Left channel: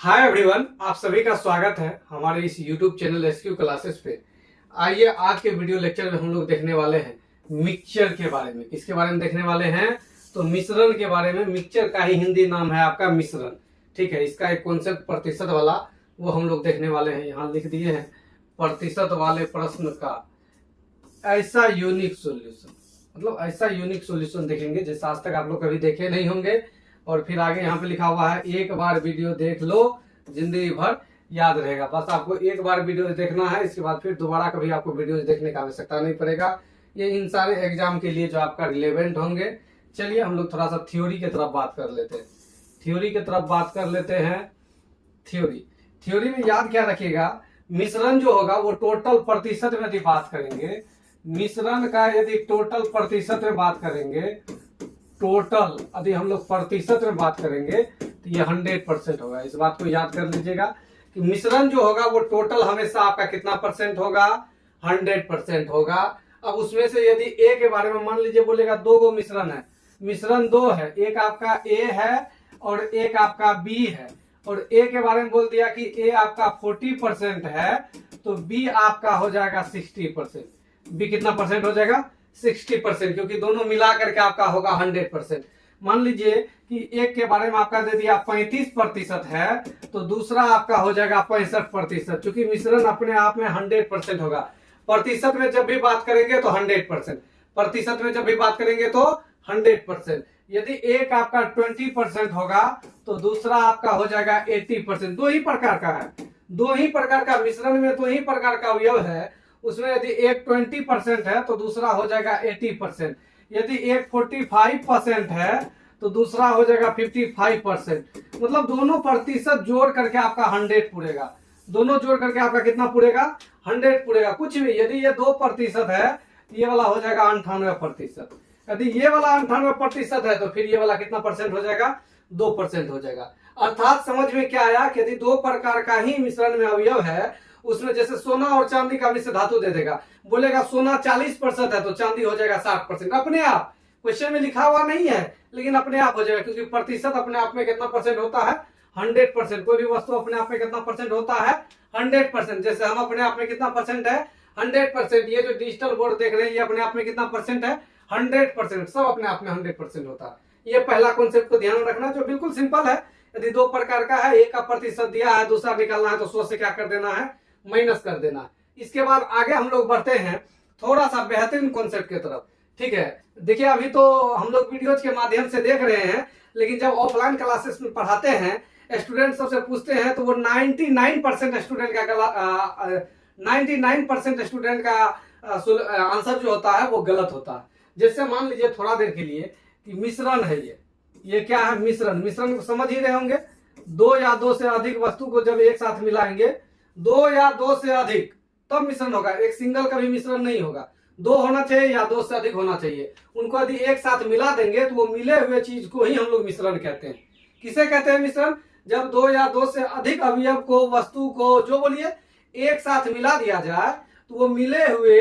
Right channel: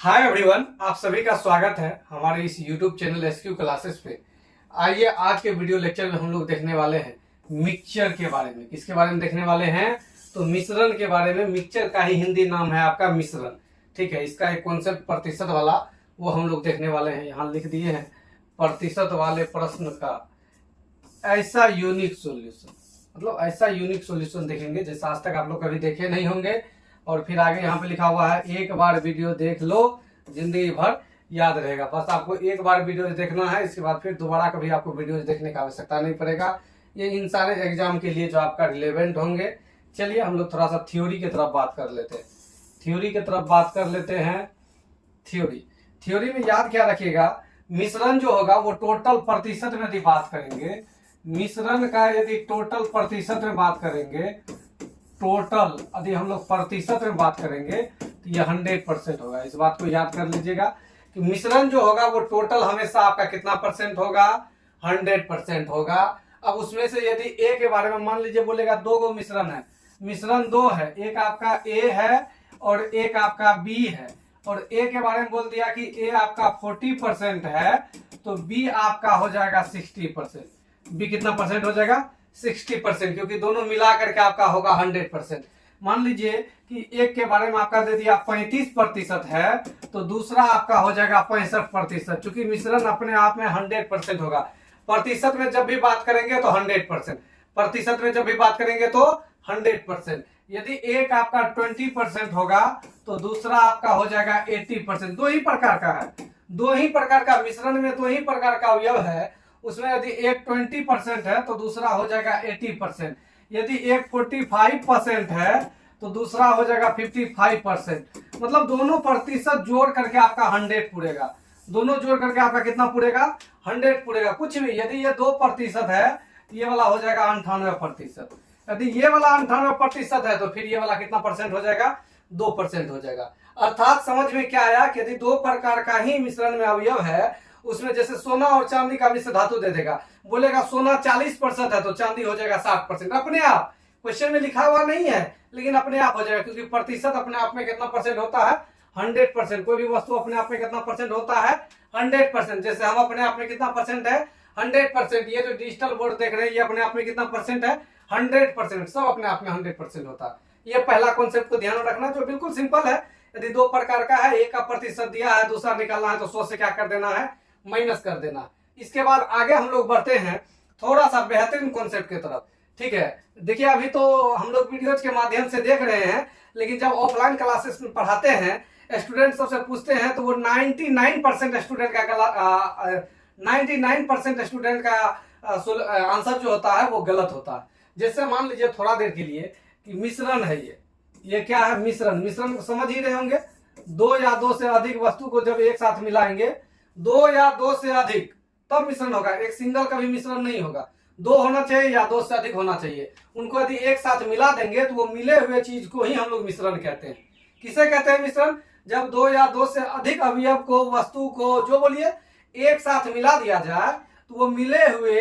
Hi everyone, आप सभी का स्वागत है हमारे इस यूट्यूब चैनल एसक्यू क्लासेस पे। आइए आज के वीडियो लेक्चर में हम लोग देखने वाले हैं मिक्सचर के बारे में। किसके बारे में देखने वाले हैं? तो मिश्रण के बारे में। मिक्सचर का ही हिंदी नाम है आपका मिश्रण। ठीक है, इसका एक कॉन्सेप्ट प्रतिशत वाला वो हम लोग देखने वाले हैं। यहाँ लिख दिए हैं प्रतिशत वाले प्रश्न का ऐसा यूनिक सोल्यूशन, मतलब ऐसा यूनिक सोल्यूशन देखेंगे जैसे आज तक आप लोग कभी देखे नहीं होंगे। और फिर आगे यहाँ पे लिखा हुआ है एक बार वीडियो देख लो जिंदगी भर याद रहेगा। बस आपको एक बार वीडियो देखना है, इसके बाद फिर दोबारा कभी आपको वीडियो देखने का आवश्यकता नहीं पड़ेगा। ये इन सारे एग्जाम के लिए जो आपका रिलेवेंट होंगे। चलिए हम लोग थोड़ा सा थ्योरी की तरफ बात कर लेते हैं। थ्योरी की तरफ बात कर लेते हैं। थ्योरी में याद क्या रखिएगा, मिश्रण जो होगा वो टोटल प्रतिशत में यदि बात करेंगे, मिश्रण का यदि टोटल प्रतिशत में बात करेंगे, टोटल यदि हम लोग प्रतिशत में बात करेंगे तो ये 100% होगा। इस बात को याद कर लीजिएगा कि मिश्रण जो होगा वो टोटल हमेशा आपका कितना परसेंट होगा? 100% होगा। अब उसमें से यदि ए के बारे में मान लीजिए बोलेगा दो गो मिश्रण है, मिश्रण दो है, एक आपका ए है और एक आपका बी है। और ए के बारे में बोल दिया कि ए आपका 40% है तो बी आपका हो जाएगा 60%। बी कितना परसेंट हो जाएगा? 60%, क्योंकि दोनों मिला करके आपका होगा 100%। मान लीजिए कि एक के बारे में आपका दे दिया 35% है तो दूसरा आपका हो जाएगा 65%। चूंकि मिश्रण अपने आप में 100% होगा। प्रतिशत में जब भी बात करेंगे तो 100%, प्रतिशत में जब भी बात करेंगे तो 100%। यदि एक आपका 20% होगा तो दूसरा आपका हो जाएगा 80%। दो ही प्रकार का है, दो ही प्रकार का मिश्रण में दो ही प्रकार का अवयव है। उसमें यदि एक 20% है तो दूसरा हो जाएगा 80%। यदि एक 45% है तो दूसरा हो जाएगा 55%। मतलब दोनों प्रतिशत जोड़ करके आपका 100 पूरेगा। दोनों जोड़ करके आपका कितना पूरेगा? 100 पूरेगा। कुछ भी यदि ये 2% है ये वाला हो जाएगा 98%। यदि ये वाला 98% है तो फिर ये वाला कितना परसेंट हो जाएगा? 2% हो जाएगा। अर्थात समझ में क्या आया कि यदि दो प्रकार का ही मिश्रण में अवयव है, उसमें जैसे सोना और चांदी का मिश्र धातु दे देगा, बोलेगा सोना 40% है तो चांदी हो जाएगा 60%। अपने आप क्वेश्चन में लिखा हुआ नहीं है लेकिन अपने आप हो जाएगा, क्योंकि प्रतिशत अपने आप में कितना परसेंट होता है? 100%। कोई भी वस्तु अपने आप में कितना परसेंट होता है? 100%। जैसे हम अपने आप में कितना परसेंट है? 100%। ये जो डिजिटल बोर्ड देख रहे हैं ये अपने आप में कितना परसेंट है? 100%। सब अपने आप में 100% होता है। ये पहला कॉन्सेप्ट को ध्यान रखना, जो बिल्कुल सिंपल है। यदि दो प्रकार का है, एक का प्रतिशत दिया है, दूसरा निकालना है तो 100 से क्या कर देना है? माइनस कर देना। इसके बाद आगे हम लोग बढ़ते हैं थोड़ा सा बेहतरीन कॉन्सेप्ट की तरफ। ठीक है, देखिए अभी तो हम लोग वीडियोज के माध्यम से देख रहे हैं, लेकिन जब ऑफलाइन क्लासेस में पढ़ाते हैं स्टूडेंट सबसे पूछते हैं तो वो 99% स्टूडेंट का 99% स्टूडेंट का आंसर जो होता है वो गलत होता है। जैसे मान लीजिए थोड़ा देर के लिए कि मिश्रण है, ये क्या है? मिश्रण। मिश्रण को समझ ही रहे होंगे, दो या दो से अधिक वस्तु को जब एक साथ मिलाएंगे, दो या दो से अधिक तब मिश्रण होगा। एक सिंगल का भी मिश्रण नहीं होगा, दो होना चाहिए या दो से अधिक होना चाहिए। उनको यदि एक साथ मिला देंगे तो वो मिले हुए चीज को ही हम लोग मिश्रण कहते हैं। किसे कहते हैं मिश्रण? जब दो या दो से अधिक अवयव को, वस्तु को, जो बोलिए, एक साथ मिला दिया जाए तो वो मिले हुए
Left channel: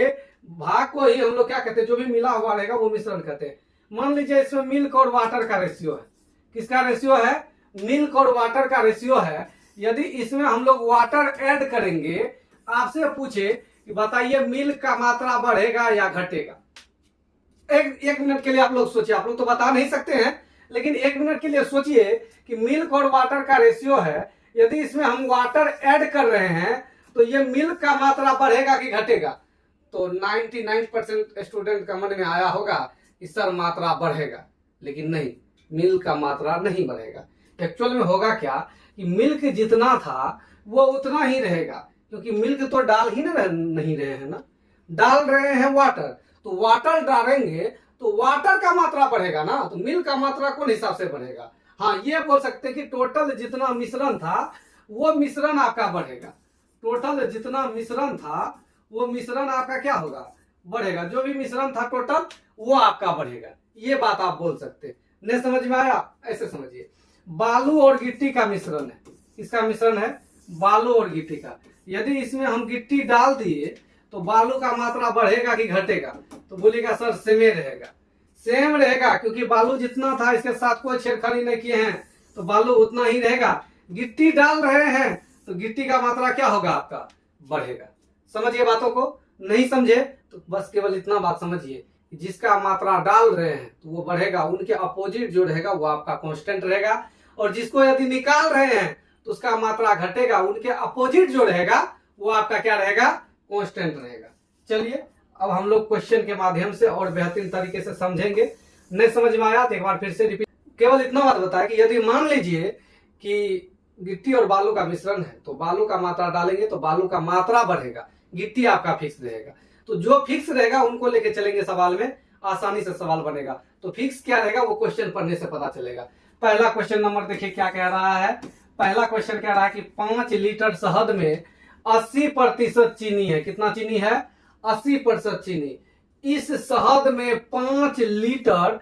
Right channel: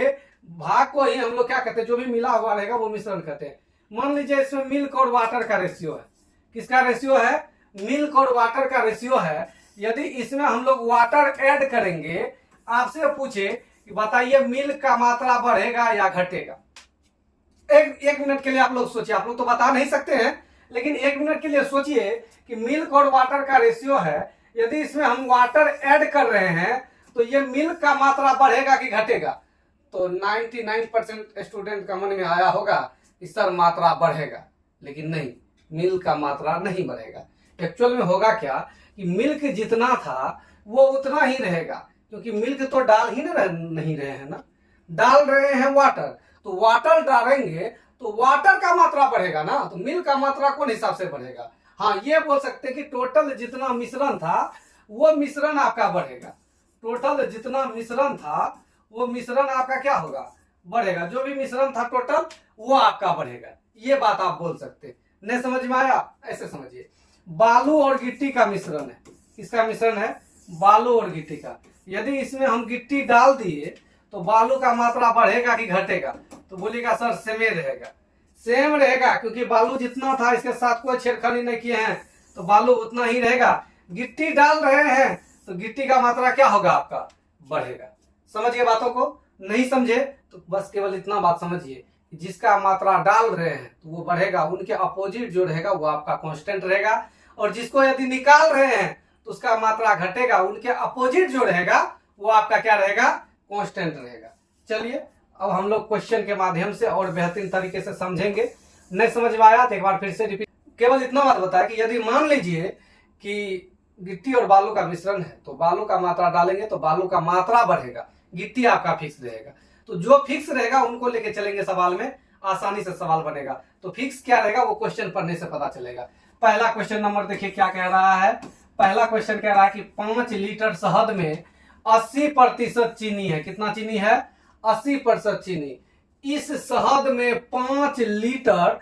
भाग को ही हम लोग क्या कहते हैं? जो भी मिला हुआ रहेगा वो मिश्रण कहते हैं। मान लीजिए इसमें मिल्क और वाटर का रेशियो है। किसका रेशियो है? मिल्क और वाटर का रेशियो है। यदि इसमें हम लोग वाटर ऐड करेंगे, आपसे पूछे कि बताइए मिल्क का मात्रा बढ़ेगा या घटेगा? एक मिनट के लिए आप लोग सोचिए। आप लोग तो बता नहीं सकते हैं, लेकिन एक मिनट के लिए सोचिए कि मिल्क और वाटर का रेशियो है। यदि इसमें हम वाटर ऐड कर रहे हैं तो ये मिल्क का मात्रा बढ़ेगा कि घटेगा? तो 99% स्टूडेंट का मन में आया होगा कि सर मात्रा बढ़ेगा, लेकिन नहीं, मिल्क का मात्रा नहीं बढ़ेगा। एक्चुअल में होगा क्या कि मिल्क जितना था वो उतना ही रहेगा, क्योंकि मिल्क तो डाल ही नहीं रहे हैं ना, डाल रहे हैं वाटर। तो वाटर डालेंगे तो वाटर का मात्रा बढ़ेगा ना, तो मिल्क का मात्रा कौन हिसाब से बढ़ेगा? हाँ, ये बोल सकते हैं कि टोटल जितना मिश्रण था वो मिश्रण आपका बढ़ेगा। टोटल जितना मिश्रण था वो मिश्रण आपका क्या होगा? बढ़ेगा। जो भी मिश्रण था टोटल वो आपका बढ़ेगा। ये बात आप बोल सकते। नहीं समझ में आया? ऐसे समझिए, बालू और गिट्टी का मिश्रण है। किसका मिश्रण है? बालू और गिट्टी का। यदि इसमें हम गिट्टी डाल दिए तो बालू का मात्रा बढ़ेगा कि घटेगा? तो बोलिएगा सर सेम रहेगा। सेम रहेगा, क्योंकि बालू जितना था इसके साथ कोई छेड़खानी नहीं किए हैं तो बालू उतना ही रहेगा। गिट्टी डाल रहे हैं तो गिट्टी का मात्रा क्या होगा आपका, बढ़ेगा। समझिए बातों को, नहीं समझे तो बस केवल इतना बात समझिए, जिसका मात्रा डाल रहे हैं तो वो बढ़ेगा, उनके अपोजिट जो रहेगा वो आपका कांस्टेंट रहेगा, और जिसको यदि निकाल रहे हैं तो उसका मात्रा घटेगा, उनके अपोजिट जो रहेगा वो आपका क्या रहेगा, कांस्टेंट रहेगा। चलिए अब हम लोग क्वेश्चन के माध्यम से और बेहतरीन तरीके से समझेंगे। नहीं समझ में आया तो एक बार फिर से रिपीट, केवल इतना बात बताया कि यदि मान लीजिए कि गिट्टी और बालू का मिश्रण है तो बालू का मात्रा डालेंगे तो बालू का मात्रा बढ़ेगा, गिट्टी आपका फिक्स रहेगा। तो जो फिक्स रहेगा उनको लेके चलेंगे सवाल में, आसानी से सवाल बनेगा। तो फिक्स क्या रहेगा वो क्वेश्चन पढ़ने से पता चलेगा। पहला क्वेश्चन नंबर देखिए क्या कह रहा है। पहला क्वेश्चन कह रहा है कि 5 लीटर शहद में 80% चीनी है। कितना चीनी है, 80% चीनी। इस शहद में 5 लीटर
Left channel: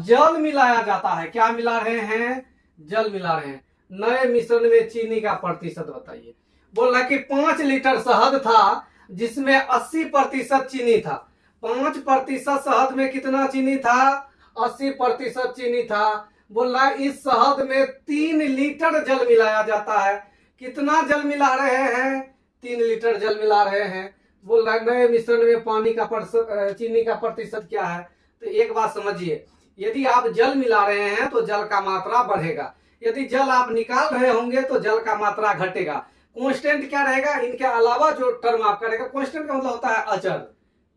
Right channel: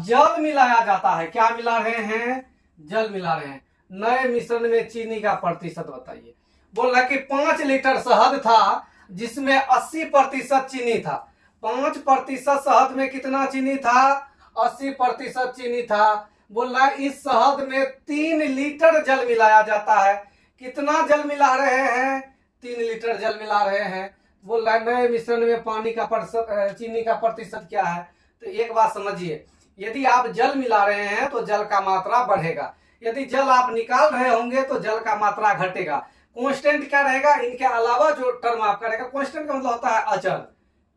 जल मिलाया जाता है। क्या मिला रहे हैं, जल मिला रहे हैं। नए मिश्रण में चीनी का प्रतिशत बताइए। बोल रहा है कि 5 लीटर शहद था जिसमें 80% चीनी था। 5% शहद में कितना चीनी था, 80% चीनी था। बोल रहा है इस शहद में 3 लीटर जल मिलाया जाता है। कितना जल मिला रहे हैं, 3 लीटर जल मिला रहे हैं। बोल रहा है नए मिश्रण में पानी का प्रतिशत, चीनी का प्रतिशत क्या है। तो एक बात समझिए, यदि आप जल मिला रहे हैं तो जल का मात्रा बढ़ेगा, यदि जल आप निकाल रहे होंगे तो जल का मात्रा घटेगा। कांस्टेंट क्या रहेगा, इनके अलावा जो टर्म आपका रहेगा, कांस्टेंट का मतलब होता है अचल,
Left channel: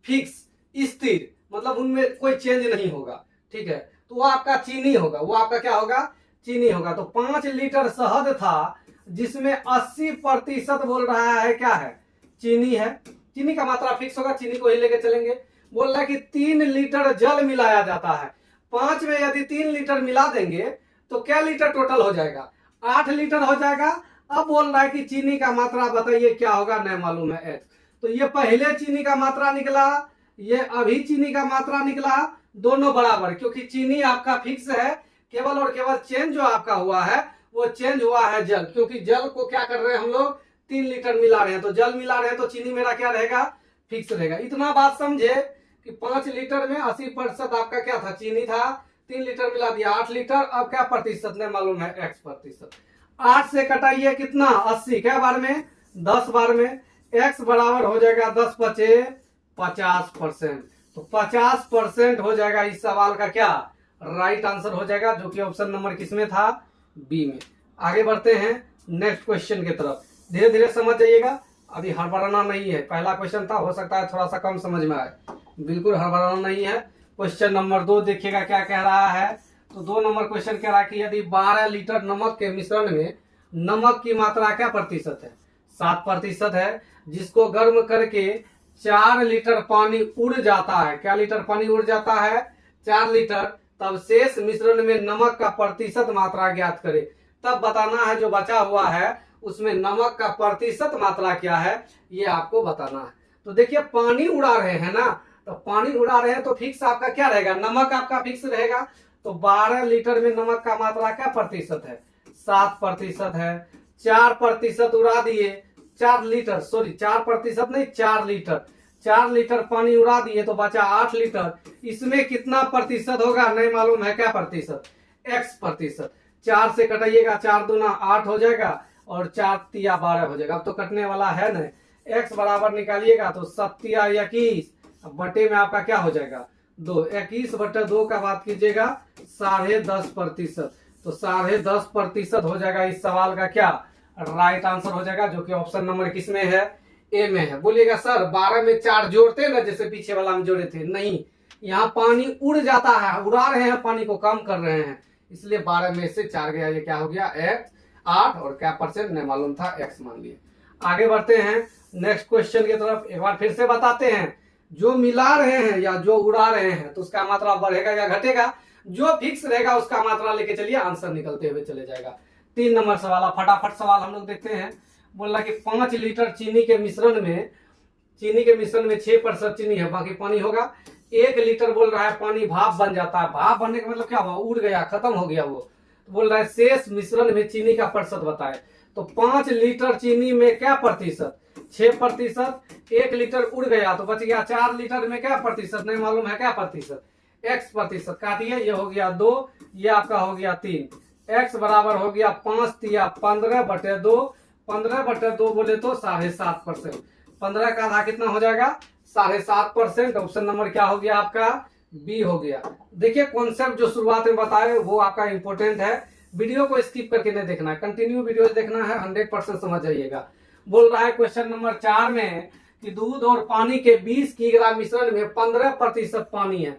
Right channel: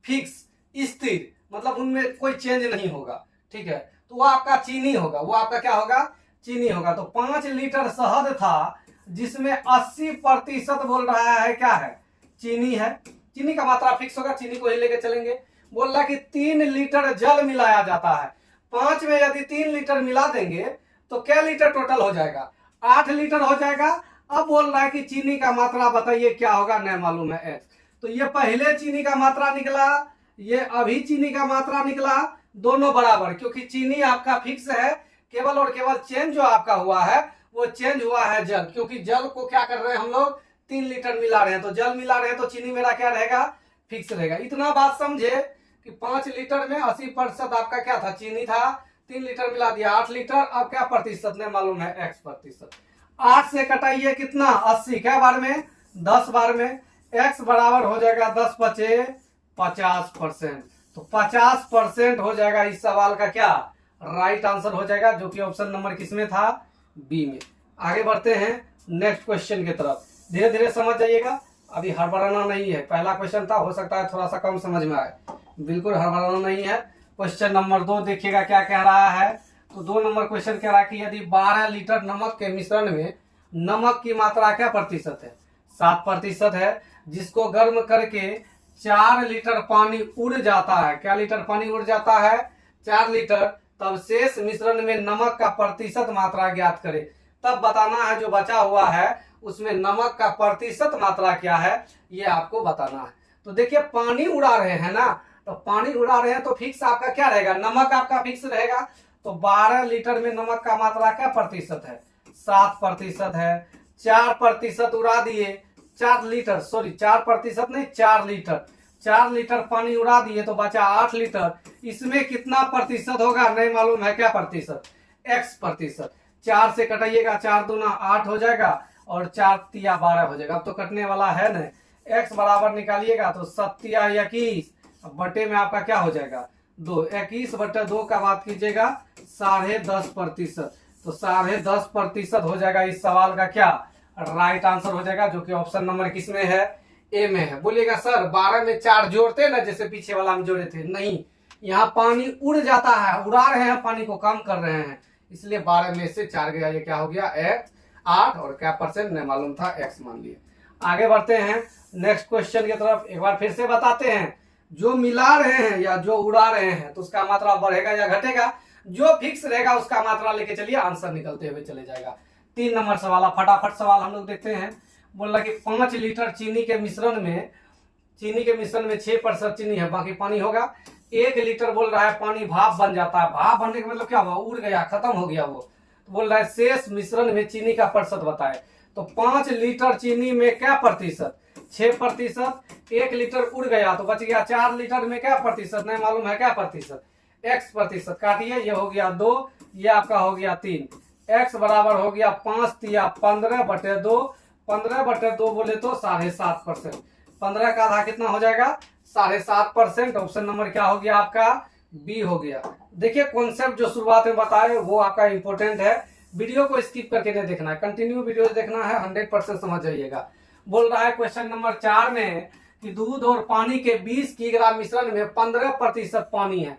फिक्स, स्थिर, मतलब उनमें कोई चेंज नहीं होगा। ठीक है, तो वो आपका चीनी होगा, वो आपका क्या होगा, चीनी होगा। तो 5 लीटर शहद था जिसमें 80% बोल रहा है क्या है, चीनी है। चीनी का मात्रा फिक्स होगा, चीनी को ही लेके चलेंगे। बोल रहा है कि 3 लीटर जल मिलाया जाता है। 5 में यदि 3 लीटर मिला देंगे तो क्या लीटर टोटल हो जाएगा, 8 लीटर हो जाएगा। अब बोल रहा है कि चीनी का मात्रा बताइए क्या होगा, नहीं मालूम है x। तो ये पहले चीनी का मात्रा निकला, ये अभी चीनी का मात्रा निकला, दोनों बराबर, क्योंकि चीनी आपका फिक्स है। केवल और केवल चेंज जो आपका हुआ है वो चेंज हुआ है जल, क्योंकि जल को क्या कर रहे हैं हम लोग, 3 लीटर मिला रहे हैं। तो जल मिला रहे हैं तो चीनी मेरा क्या रहेगा, फिक्स रहेगा। इतना बात समझे कि 5 लीटर में 80% आपका क्या था, चीनी था। 3 लीटर मिला दिया, 8 लीटर। अब क्या प्रतिशत नहीं मालूम है, x प्रतिशत। 8 से कटाइए कितना, 80, क्या बार में, 10 बार में। x बराबर हो जाएगा 10 पचे 50%। तो 50% हो जाएगा इस सवाल का क्या, राइट आंसर हो जाएगा, जो कि ऑप्शन नंबर किसमें था, बी में। आगे बढ़ते हैं नेक्स्ट क्वेश्चन की तरफ। धीरे धीरे समझ जाइएगा, अभी हड़बड़ाना नहीं है। पहला क्वेश्चन था, हो सकता है थोड़ा सा कम समझ में आए, बिल्कुल हड़बड़ाना नहीं है। क्वेश्चन नंबर 2 देखिएगा क्या कह रहा है। तो 2 नंबर क्वेश्चन कह रहा है कि यदि 12 लीटर नमक के मिश्रण में नमक की मात्रा क्या प्रतिशत है, 7% है, जिसको गर्म करके 4 लीटर पानी उड़ जाता है। क्या लीटर पानी उड़ जाता है, 4 लीटर। तब शेष मिश्रण में नमक का प्रतिशत मात्रा ज्ञात करे। तब बताना है जो बचा हुआ है उसमें नमक का प्रतिशत मात्रा क्या है, ये आपको बताना है। तो देखिए पानी उड़ा रहे हैं ना, तो पानी उड़ा रहे हैं तो फिक्स आपका क्या रहेगा, नमक आपका फिक्स रहेगा। तो 12 लीटर में नमक का मात्रा क्या प्रतिशत है, 7% है। 4% उड़ा दिए, 4 लीटर, सॉरी 4% नहीं, 4 लीटर। 4 लीटर पानी उड़ा दिए तो बचा 8 लीटर। इसमें कितना प्रतिशत होगा, नहीं मालूम है, क्या प्रतिशत, x प्रतिशत। 4 से कटाइएगा, 4 दूना 8 हो जाएगा और 4 तिया 12 हो जाएगा। अब तो कटने वाला है ना, x बराबर निकालिएगा तो 7 21 बटे में आपका क्या हो जाएगा, 2। 21/2 का बात कीजिएगा 10.5%। तो 10.5% हो जाएगा इस सवाल का क्या, राइट आंसर हो जाएगा, जो कि ऑप्शन नंबर किसमें है, ए में है। बोलिएगा सर 12 में 4 जोड़ते ना, जैसे पीछे वाला में जोड़े थे, नहीं, यहाँ पानी उड़ जाता है, उड़ा रहे हैं, पानी को कम कर रहे हैं, इसलिए 12 में से 4 गया, ये क्या हो गया, 8 और क्या परसेंट नहीं मालूम था, x मान लिए। आगे बढ़ते हैं नेक्स्ट क्वेश्चन की तरफ। एक बार फिर से बताते हैं, जो मिला रहे हैं या जो उड़ा रहे हैं तो उसका मात्रा बढ़ेगा या घटेगा, जो फिक्स रहेगा उसका मात्रा लेके चलिए, आंसर निकलते हुए चले जाएगा। 3 नंबर सवाल, फटाफट सवाल हम लोग देखते हैं। बोल रहा कि 5 लीटर चीनी के मिश्रण में 6% चीनी है, बाकी पानी होगा। 1 लीटर बोल रहा है पानी भाप बन जाता है। भाप बनने का मतलब क्या हुआ, उड़ गया, खत्म हो गया वो। तो बोल रहा है शेष मिश्रण में चीनी का प्रतिशत बताए। तो 5 लीटर चीनी में क्या प्रतिशत, 6%। 1 लीटर उड़ गया तो बच गया 4 लीटर में क्या प्रतिशत, नहीं मालूम है, क्या प्रतिशत, x प्रतिशत। काटिए, ये हो गया 2, ये आपका हो गया 3। x बराबर हो गया 5 तिया 15/2, 15/2 बोले तो 7.5%। 15 का आधा कितना हो जाएगा? 7.5%। ऑप्शन नंबर क्या हो गया आपका? बी हो गया। देखिए कॉन्सेप्ट जो शुरुआत में बताए वो आपका इंपॉर्टेंट है, वीडियो को स्किप करके नहीं देखना है, कंटिन्यू वीडियो देखना है, 100% समझ जाइएगा। बोल रहा है क्वेश्चन नंबर 4 में कि दूध और पानी के 20 किलोग्राम मिश्रण में 15% पानी है।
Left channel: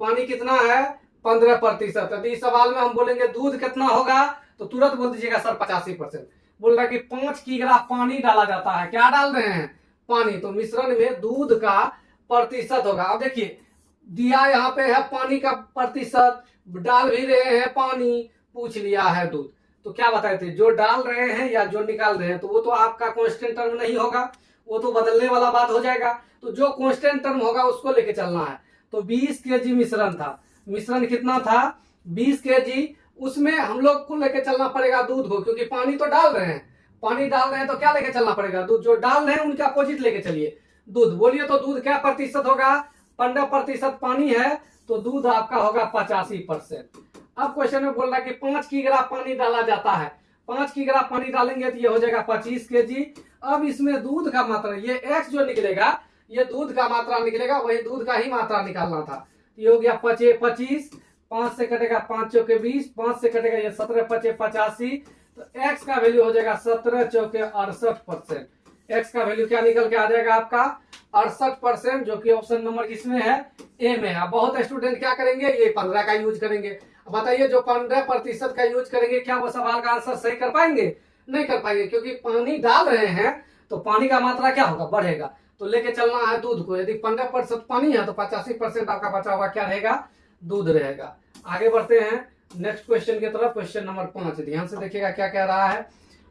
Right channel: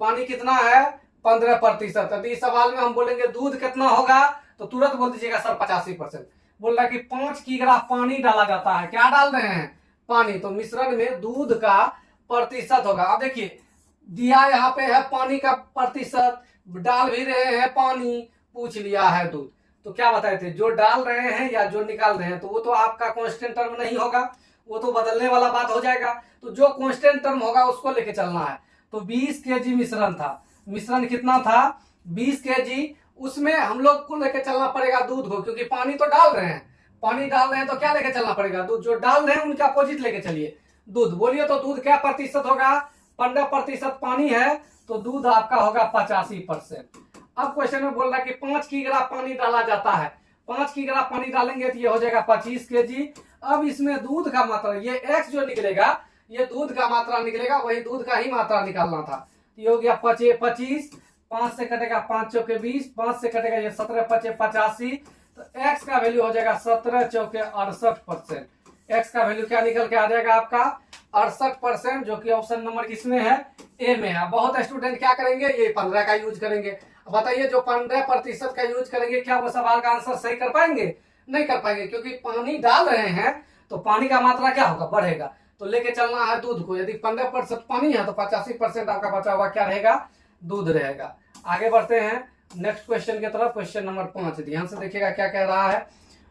पानी कितना है? 15%। यदि इस सवाल में हम बोलेंगे दूध कितना होगा तो तुरंत बोल दीजिएगा सर 85%। बोल रहा है कि 5 किलोग्राम पानी डाला जाता है। क्या डाल रहे हैं? पानी। तो मिश्रण में दूध का प्रतिशत होगा। अब देखिए दिया यहाँ पे है पानी का प्रतिशत, डाल भी रहे हैं पानी, पूछ लिया है दूध। तो क्या बताए थे? जो डाल रहे हैं या जो निकाल रहे हैं, तो वो तो आपका कांस्टेंट टर्म नहीं होगा, वो तो बदलने वाला बात हो जाएगा। तो जो कांस्टेंट टर्म होगा उसको लेके चलना है। तो 20 केजी मिश्रण था। मिश्रण कितना था? 20 केजी। उसमें हम लोग को लेके चलना पड़ेगा दूध को, क्योंकि पानी तो डाल रहे हैं। पानी डाल रहे हैं तो क्या लेके चलना पड़ेगा? दूध। जो डाल रहे हैं उनका अपोजिट लेके चलिए, दूध। बोलिए तो दूध क्या प्रतिशत होगा? 15% पानी है तो दूध आपका होगा 85%। अब क्वेश्चन में बोल रहा है कि 5 किलोग्राम पानी डाला जाता है। 5 किलोग्राम पानी डालेंगे तो ये हो जाएगा 25 केजी। अब इसमें दूध का मात्रा, ये x जो निकलेगा ये दूध का मात्रा निकलेगा, वही दूध का ही मात्रा निकालना था। ये हो गया 25, 5 से कटेगा 5 चौके 20, 5 से कटेगा ये 17 5 85। तो x का वैल्यू हो जाएगा 17 चौके 68%। x का वैल्यू क्या निकल के आ जाएगा आपका? 68%, जो कि ऑप्शन नंबर किसमें है? ए में है। बहुत स्टूडेंट क्या करेंगे? ये 15 का यूज करेंगे। बताइए जो 15% का यूज करेंगे क्या वो सवाल का आंसर सही कर पाएंगे? नहीं कर पाएंगे, क्योंकि पानी डाल रहे हैं तो पानी का मात्रा क्या होगा? बढ़ेगा। तो लेके चलना है दूध को। यदि 15% पानी है तो 85% आपका बचा हुआ क्या रहेगा? दूध रहेगा। आगे बढ़ते हैं नेक्स्ट क्वेश्चन की तरफ। क्वेश्चन नंबर 5 ध्यान से देखिएगा क्या कह रहा है।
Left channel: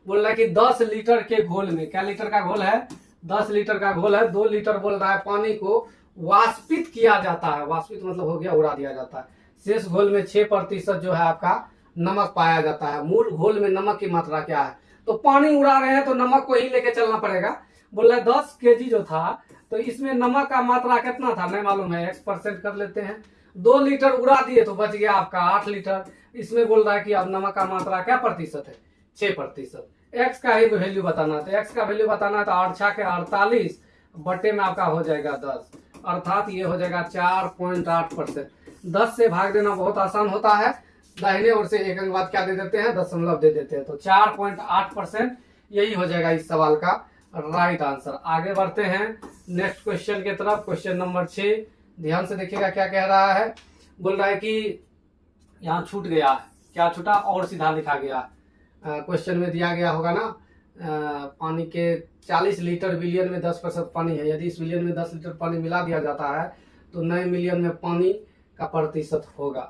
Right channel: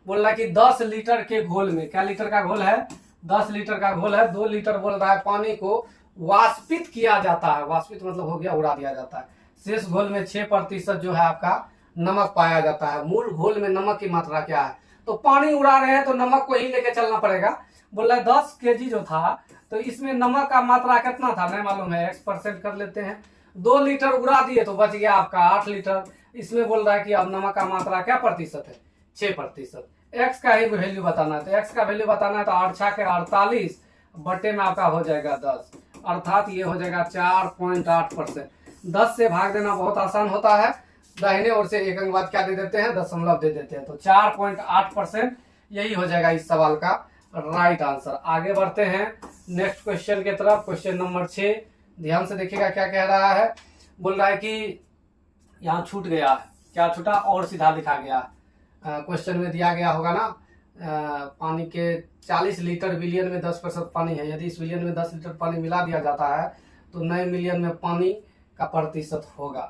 बोल रहा है कि 10 लीटर के घोल में, क्या लीटर का घोल है? 10 लीटर का घोल है। 2 लीटर बोल रहा है पानी को वाष्पित किया जाता है। वाष्पित मतलब हो गया उड़ा दिया जाता है। शेष घोल में 6% जो है आपका नमक पाया जाता है। मूल घोल में नमक की मात्रा क्या है? तो पानी उड़ा रहे हैं तो नमक को ही लेके चलना पड़ेगा। बोल रहा है 10 केजी जो था तो इसमें नमक का मात्रा कितना था? मैं मालूम है, x% कर लेते हैं। 2 लीटर उड़ा दिए तो बच गया आपका 8 लीटर। इसमें बोल रहा है कि अब नमक का मात्रा क्या प्रतिशत है? 6%। x का ही वैल्यू बताना है। तो x का वैल्यू बताना है तो 8 छाके 48 बटे में आपका हो जाएगा 10, अर्थात ये हो जाएगा 4.8%। 10 से भाग देना बहुत आसान होता है, दाहिने ओर से एक अंक बाद क्या दे देते हैं? दशमलव दे देते हैं। तो 4.8% यही हो जाएगा इस सवाल का राइट आंसर। आगे बढ़ते हैं नेक्स्ट क्वेश्चन की तरफ। क्वेश्चन नंबर 6 ध्यान से देखिएगा क्या कह रहा है। बोल रहा है कि यहाँ छूट गया है। क्या छूटा? और सीधा लिखा गया। क्वेश्चन में दिया गया होगा ना, पानी के 40 लीटर बिलियन में 10% पानी है। यदि इस बिलियन में 10 लीटर पानी मिला दिया जाता है तो 9 मिलियन में पानी का प्रतिशत होगा।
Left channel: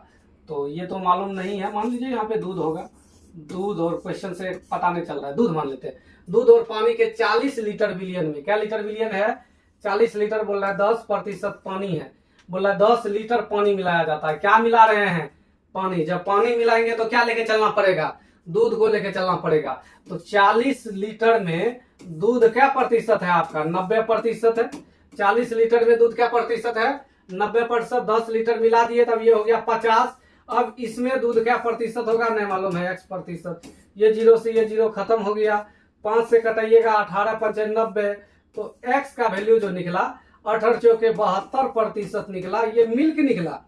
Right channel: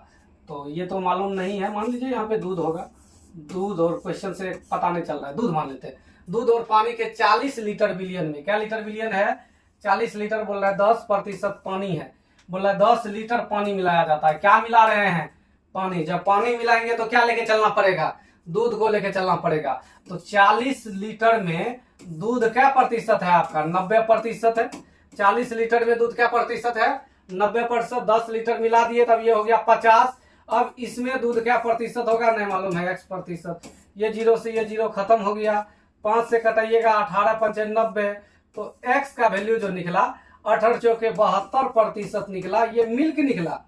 तो ये तो मालूम नहीं है, मान लीजिए यहाँ पे दूध होगा। दूध और क्वेश्चन से पता नहीं चल रहा है, दूध मान लेते हैं। दूध और पानी के 40 लीटर बिलियन में, क्या लीटर बिलियन है? 40 लीटर बोल रहा है 10% पानी है। बोल रहा है 10 लीटर पानी मिलाया जाता है। क्या मिला रहे हैं? पानी। जब पानी मिलाएंगे तो क्या लेके चलना पड़ेगा? दूध को लेके चलना पड़ेगा। तो 40 लीटर में दूध क्या प्रतिशत है आपका? 90% है। 40 लीटर में दूध क्या प्रतिशत है? 90%। 10 लीटर मिला दिए तब ये हो गया 50। अब इसमें दूध क्या प्रतिशत होगा? नहीं मालूम है, x%। ये 0 से ये 0 खत्म हो गया। 5 से कटाइएगा 18 5 90। तो x का वैल्यू जो निकला 18 चौके 72% निकला। ये मिल्क निकला,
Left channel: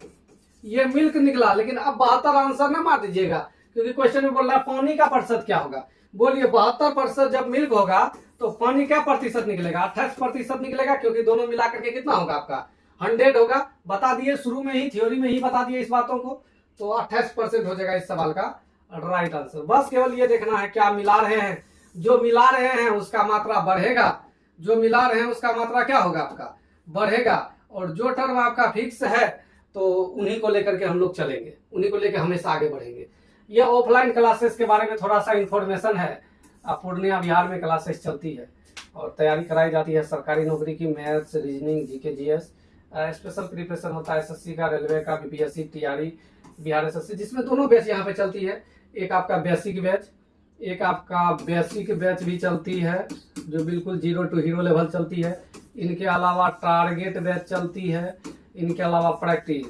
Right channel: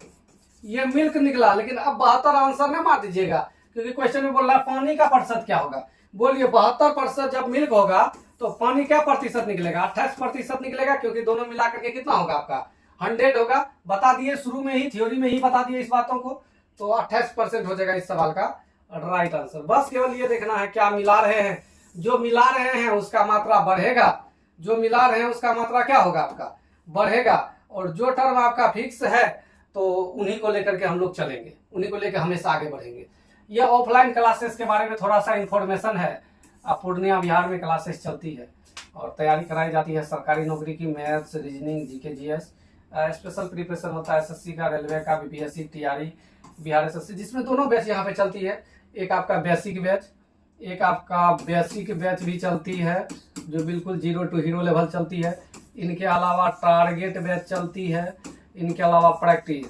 ये मिल्क निकला। लेकिन अब 72 आंसर ना मार दीजिएगा, क्योंकि क्वेश्चन में बोल रहा है पानी का प्रतिशत क्या होगा। बोलिए 72% जब मिल्क होगा तो पानी क्या प्रतिशत निकलेगा? 28% निकलेगा, क्योंकि दोनों मिला करके कितना होगा आपका? 100 होगा। बता दिए शुरू में ही, थ्योरी में ही बता दिए इस बातों को। तो 28% हो जाएगा इस सवाल का राइट आंसर। बस केवल ये देखना है क्या मिला रहे हैं। जो मिला रहे हैं उसका मात्रा बढ़ेगा, जो मिला रहे हैं उसका मात्रा क्या होगा? आपका बढ़ेगा। और जो टर्म आपका फिक्स है तो उन्हीं को लेकर के हम लोग चलेंगे, उन्हीं को लेकर हमेशा आगे बढ़ेंगे। ये ऑफलाइन क्लासेस के बारे में थोड़ा सा इंफॉर्मेशन है। पूर्णिया बिहार में क्लासेस चलती है और तैयारी कराई जाती है सरकारी नौकरी की, maths, reasoning, GK, GS. Special preparation होता है एसएससी का, रेलवे का, बीपीएससी, टीआरई, बिहार एसएससी, जिसमें दोनों बैच यहाँ पे चलती है। एक आपका बेसिक बैच, एक आपका बेसिक बैच भी चलती है जो बिल्कुल 0 to हीरो लेवल चलती है। इनके अलावा टारगेट बैच चलती है, इनके अलावा प्रैक्टिस,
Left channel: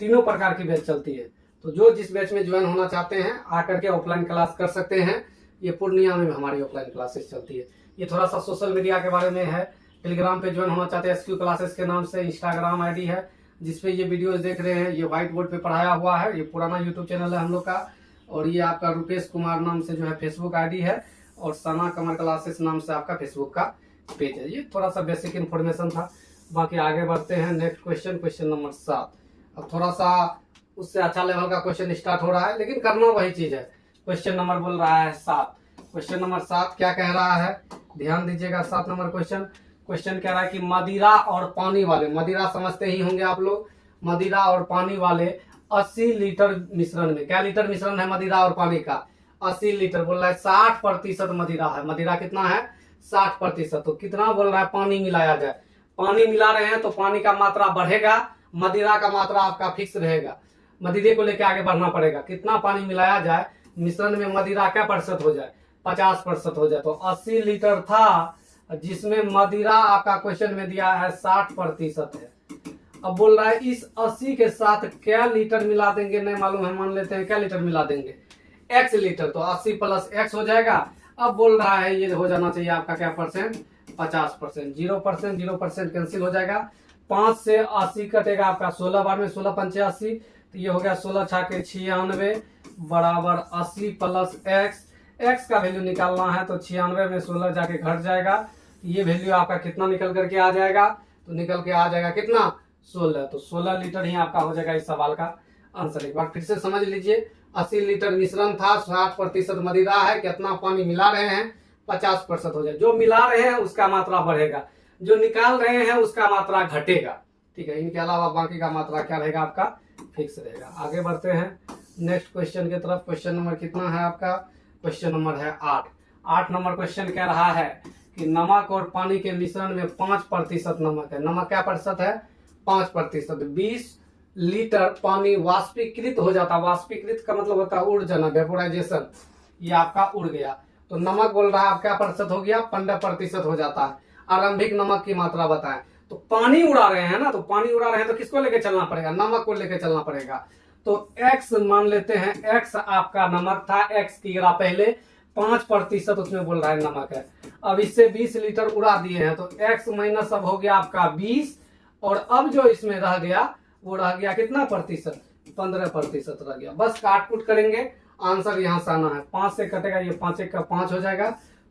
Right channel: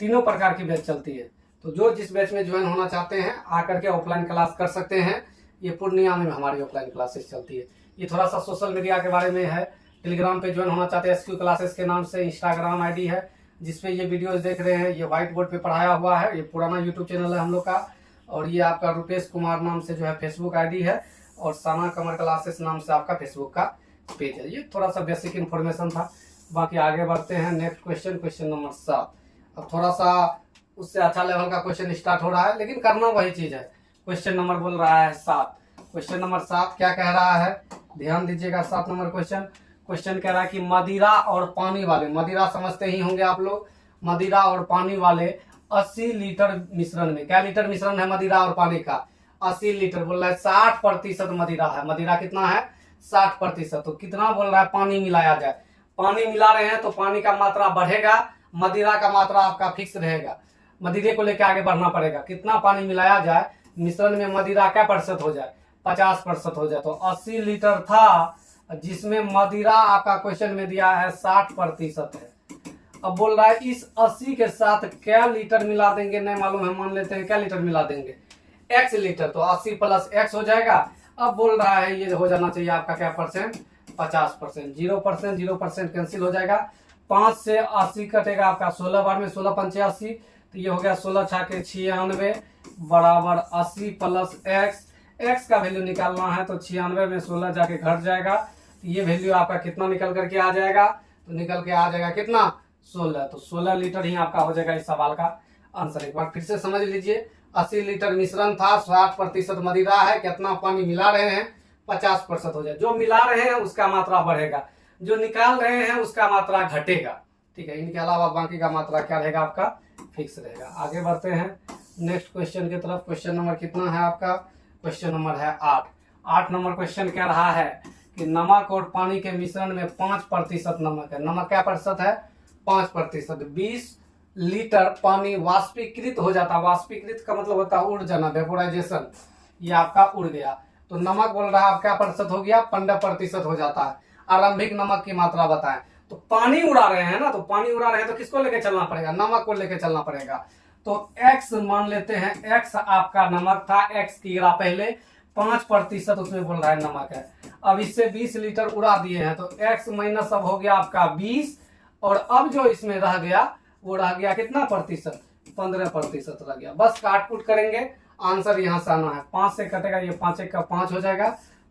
तीनों प्रकार की बैच चलती है। तो जो जिस बैच में ज्वाइन होना चाहते हैं आकर के ऑफलाइन क्लास कर सकते हैं। ये पूर्णिया में हमारी ऑफलाइन क्लासेस चलती है। ये थोड़ा सा सोशल मीडिया के बारे में है। टेलीग्राम पे ज्वाइन होना चाहते हैं SQ क्लासेस के नाम से इंस्टाग्राम आईडी है जिसपे ये वीडियोस देख रहे हैं। ये व्हाइट बोर्ड पे पढ़ाया हुआ है। ये पुराना यूट्यूब चैनल है हम लोग का। और ये आपका रुपेश कुमार नाम से जो है फेसबुक आईडी है और सना कमर क्लासेस नाम से आपका फेसबुक का पेज है। ये थोड़ा सा बेसिक इन्फॉर्मेशन था। बाकी आगे बढ़ते हैं। Next question, question number 7। अब थोड़ा सा उससे अच्छा लेवल का क्वेश्चन स्टार्ट हो रहा है लेकिन करना वही चीज है। क्वेश्चन नंबर बोल रहा है 7। क्वेश्चन नंबर 7 क्या कह रहा है, ध्यान दीजिएगा। 7 नंबर क्वेश्चन कह रहा है कि मदिरा और पानी वाले, मदिरा समझते ही होंगे आप लोग, मदिरा और पानी वाले 80 लीटर मिश्रण में, क्या लीटर मिश्रण है मदिरा और पानी का, 80 लीटर। बोल रहा है 60% मदिरा है। मदिरा कितना है, 60%। तो कितना बोल रहा है पानी मिलाया जाए। पानी मिला रहे हैं तो पानी का मात्रा बढ़ेगा, मदिरा का मात्रा आपका फिक्स रहेगा। मदिरे को लेकर आगे बढ़ना पड़ेगा। कितना पानी मिलाया जाए मिश्रण में, मदिरा क्या प्रतिशत हो जाए, 50% हो जाए। तो 80 लीटर था जिसमें मदिरा आपका क्वेश्चन में दिया है 60% है। अब बोल रहा है इस 80 के साथ क्या लीटर मिला देंगे, नहीं मालूम है, मान लेते हैं क्या लीटर मिला देंगे, x लीटर। तो 80 प्लस x हो जाएगा। अब बोल रहा है ये हो जाना चाहिए आपका क्या परसेंट, 50%। 0% कैंसिल हो जाएगा। 5 से 80 कटेगा आपका 16 बार में, 16 पंचे 80। तो ये हो गया 16 छाके 96 बराबर 80 प्लस x का वैल्यू निकालना है तो 96 में 16 जाके घट जाएगा। तो ये वैल्यू आपका कितना निकल करके आ जाएगा, तो निकल के आ जाएगा कितना, 16। तो 16 लीटर ही आपका हो जाएगा इस सवाल का आंसर। एक बार फिर से समझ लीजिए। 80 लीटर मिश्रण था, 60% मदिरा है, कितना पानी मिला रहे हैं, 50% हो जाए। जो मिला रहे हैं उसका मात्रा बढ़ेगा, जो निकाल रहे हैं उसका मात्रा घटेगा। ठीक है, इनके अलावा बाकी का मात्रा क्या रहेगा आपका, फिक्स रहेगा। आगे बढ़ते हैं नेक्स्ट क्वेश्चन की तरफ। क्वेश्चन नंबर कितना है आपका, क्वेश्चन नंबर है 8। 8 नंबर क्वेश्चन कह रहा है कि नमक और पानी के मिश्रण में 5% नमक है। नमक क्या प्रतिशत है, 5%। 20 लीटर पानी वाष्पीकृत हो जाता है। वाष्पीकृत का मतलब होता है उड़ जाना, वेपोराइजेशन। ये आपका उड़ गया। तो नमक बोल रहा है आप क्या प्रतिशत हो गया, 15% हो जाता है। आरंभिक नमक की मात्रा बताएं। तो पानी उड़ा रहे हैं ना, तो पानी उड़ा रहे हैं तो किसको लेके चलना पड़ेगा, नमक को लेके चलना पड़ेगा। तो x मान लेते हैं, x आपका नमक था, x की गिरा पहले, 5% उसमें बोल रहा है नमक है। अब इससे 20 लीटर उड़ा दिए हैं तो x माइनस अब हो गया आपका 20। और अब जो इसमें रह गया वो रह गया कितना प्रतिशत, 15% रह गया। बस काटपुट करेंगे, आंसर यहाँ से आना है। 5 से कटेगा, ये 5 1 का 5 हो जाएगा,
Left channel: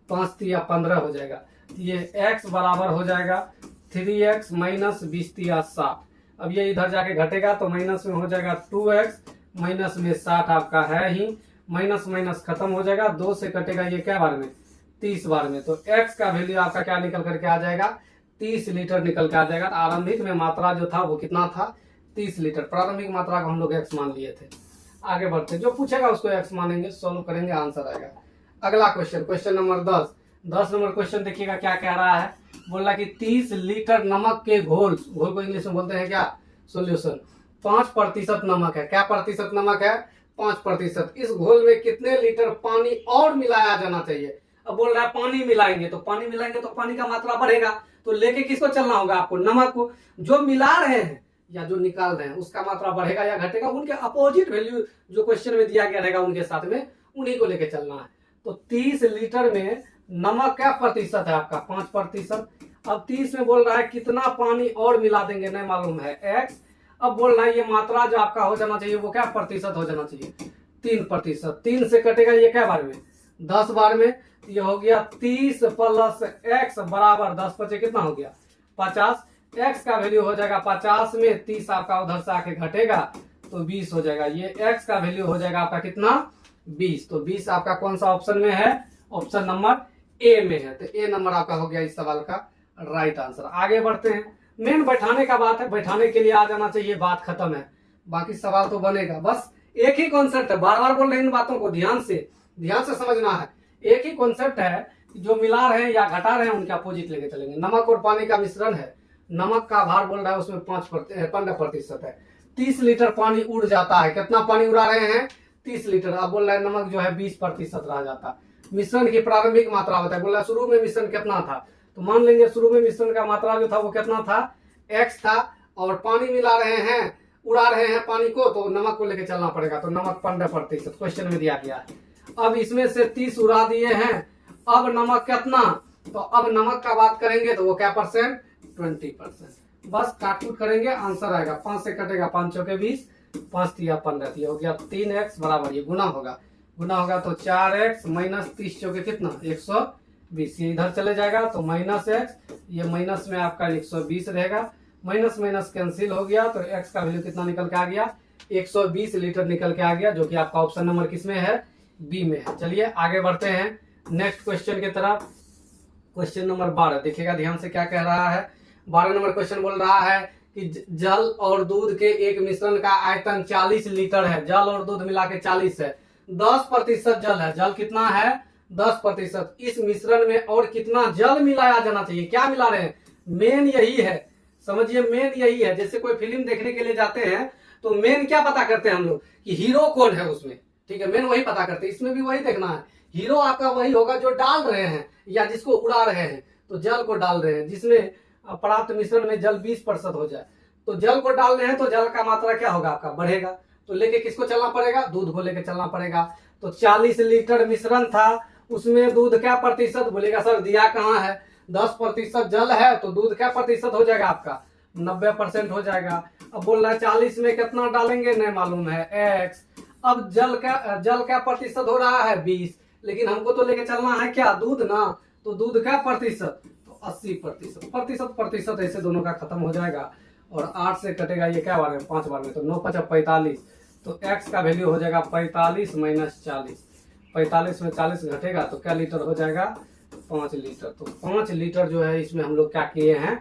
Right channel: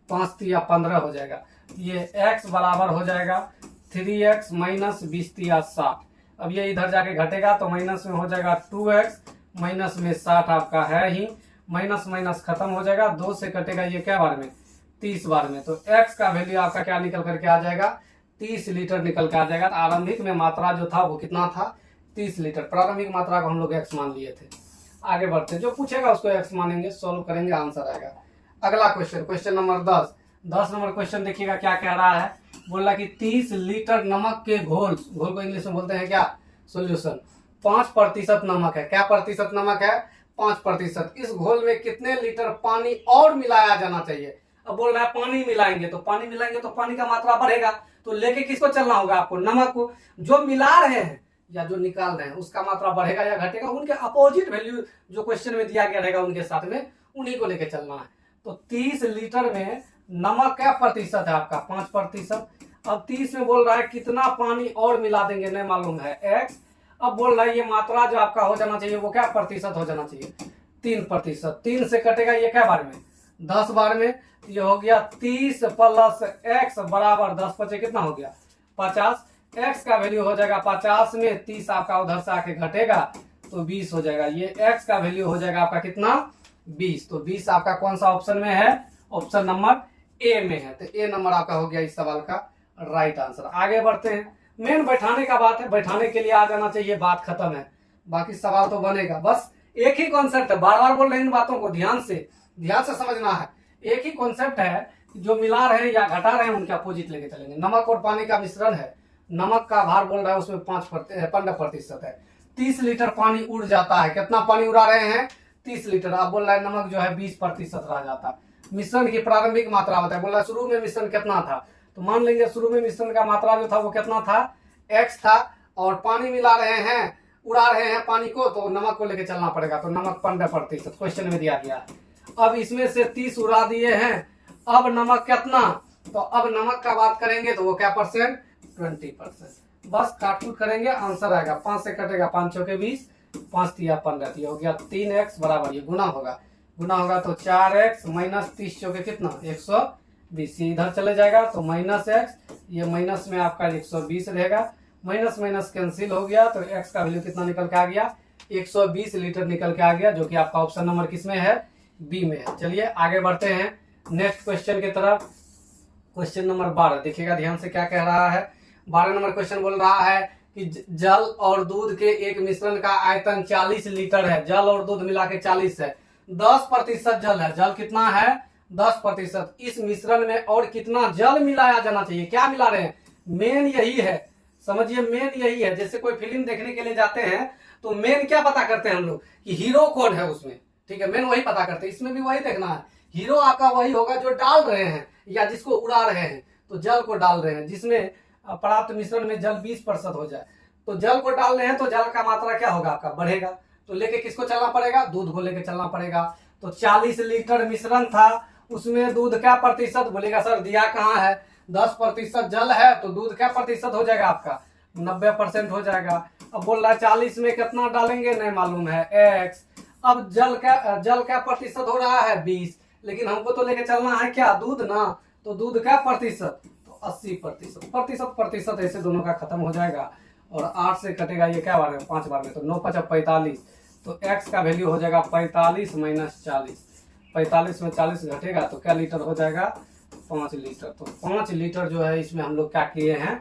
5 3 15 हो जाएगा। ये x बराबर हो जाएगा 3x माइनस 20 3 60। अब ये इधर जाके घटेगा तो माइनस में हो जाएगा 2x, माइनस में 60 आपका है ही, माइनस माइनस खत्म हो जाएगा। 2 से कटेगा ये क्या बार में, 30 बार में। तो x का वैल्यू आपका क्या निकल करके आ जाएगा, 30 लीटर निकल के आ जाएगा। आरंभिक में मात्रा जो था वो कितना था, 30 लीटर। प्रारंभिक मात्रा को हम लोग x मान लिए थे। आगे बढ़ते, जो पूछेगा उसको x मानेंगे, सोल्व करेंगे, आंसर आएगा। अगला question, question number 10। 10 number question देखिएगा क्या कह रहा है। बोल रहा कि 30 लीटर नमक के घोल को इंग्लिश में बोलते हैं क्या, सोल्यूशन। 5% नमक है। क्या प्रतिशत नमक है, 5%। इस घोल में कितने लीटर पानी और मिलाया जाना चाहिए। अब बोल रहा है पानी मिलाएंगे तो पानी का मात्रा बढ़ेगा। तो लेके किसको चलना होगा आपको, नमक को। जो मिला रहे हैं या जो निकाल रहे हैं उसका मात्रा बढ़ेगा या घटेगा, उनके अपोजिट वैल्यू जो क्वेश्चन में दिया गया रहेगा उनके साथ में उन्हीं को लेके चलना है। तो 30 लीटर में नमक क्या प्रतिशत है आपका, 5%। अब 30 में बोल रहा है कितना पानी और मिला देंगे, नहीं मालूम है, x। अब बोल रहा है ये मात्रा जो आपका हो जाना चाहिए वो क्या प्रतिशत हो जाना चाहिए, 3%। 3 से कटेगा ये क्या बार में, 10 बार में। ये हो गया 30 प्लस x बराबर 10 बचे कितना हो गया, 50। x का वैल्यू हो जाएगा 50 में 30 आपका उधर से आके घटेगा तो 20 हो जाएगा। ये x का वैल्यू हो जाएगा आपका कितना, 20। तो 20 आपका कौन सा ऑप्शन में है, ऑप्शन नंबर ए में है। तो ए नंबर आपका हो गया इस सवाल का राइट आंसर। आगे बढ़ते हैं। मेन बैठाने का बात है, बैठाने के लिए आ जाना चाहिए, बात खत्म है। बाकी सवाल तो बनेगा, बस एक ही कॉन्सेप्ट है। बार बार बोल रहे हैं इन बातों को ध्यान से समझना है। एक ही कॉन्सेप्ट है, जो मिला रहे हैं या घटा रहे हैं उनके अपोजिट लेके चलेंगे। नमक और पानी का मिश्रण है, नमक का भार बोल रहा है उसमें 15% है। 30 लीटर पानी उड़ जाता है। कितना पानी उड़ा रहे हैं, 30 लीटर। अब बोल रहा है नमक जो है 20% रह जाता है। मिश्रण की प्रारंभिक मात्रा बताए। बोल रहा है शुरू में मिश्रण कितना था, तो मान लेंगे शुरू में मिश्रण का मात्रा जो था वो कितना था, x था। और पानी मिला रहे हैं उड़ा रहे हैं पानी को तो नमक को लेके चलना पड़ेगा, तो नमक 15% क्वेश्चन में दिया गया है। अब इसमें से 30 उड़ा दिए हैं, अब नमक कितना, तो अब नमक का बात करेंगे तो वो क्या परसेंट, 20%। बस काटकूट करेंगे, आंसर आएगा 5 से कटेगा 5 चौके 20, 5 तिया 15, ये हो गया 3x बराबर, ये गुना होगा, गुना होगा तो 4x माइनस 30 चौके कितना 120, ये इधर चले जाएगा तो माइनस x, ये माइनस में आपका 120 रहेगा, माइनस माइनस कैंसिल हो गया तो x का वैल्यू कितना निकल के आ गया, 120 लीटर निकल के आ गया, जो कि आपका ऑप्शन नंबर किसमें है, बी में है। चलिए आगे बढ़ते हैं नेक्स्ट क्वेश्चन की तरफ। क्वेश्चन नंबर 12 देखिएगा ध्यान से क्या कह रहा है। 12 नंबर क्वेश्चन बोल रहा है कि जल और दूध के एक मिश्रण का आयतन 40 लीटर है, जल और दूध मिला के 40 है, 10% जल है, जल कितना है 10%, इस मिश्रण में और कितना जल मिलाया जाना चाहिए, क्या मिला रहे हैं, मेन यही है, समझिए मेन यही है। जैसे कोई फिल्म देखने के लिए जाते हैं तो मेन क्या पता करते हैं हम लोग कि हीरो कौन है उसमें, ठीक है, मेन वही पता करते हैं, इसमें भी वही देखना है, हीरो आपका वही होगा जो डाल रहे हैं या जिसको उड़ा रहे हैं, तो जल को डाल रहे हैं, जिसमें प्राप्त मिश्रण में जल 20% हो जाए, तो जल को डाल रहे हैं तो जल का मात्रा क्या होगा आपका बढ़ेगा, तो लेके किसको चलना पड़ेगा, दूध को लेके चलना पड़ेगा। तो 40 लीटर मिश्रण था, उसमें दूध क्या प्रतिशत, बोलेगा सर दिया कहाँ है, 10% जल है तो दूध क्या प्रतिशत हो जाएगा आपका 90% हो जाएगा। अब बोल रहा है 40 में कितना डालेंगे नहीं मालूम है x, अब जल क्या प्रतिशत हो रहा है 20, लेकिन हमको तो लेके चलना है क्या दूध ना, तो दूध क्या प्रतिशत, तो 80%, प्रतिशत ऐसे दोनों का खत्म हो जाएगा, और 8 से कटेगा ये क्या बार में 5 बार में, तो 9 5 45, तो x का वैल्यू हो जाएगा 45 माइनस 40, 45 में 40 घटेगा तो क्या लीटर हो जाएगा 5 लीटर। तो 5 लीटर जो है इसमें हम लोग क्या किए हैं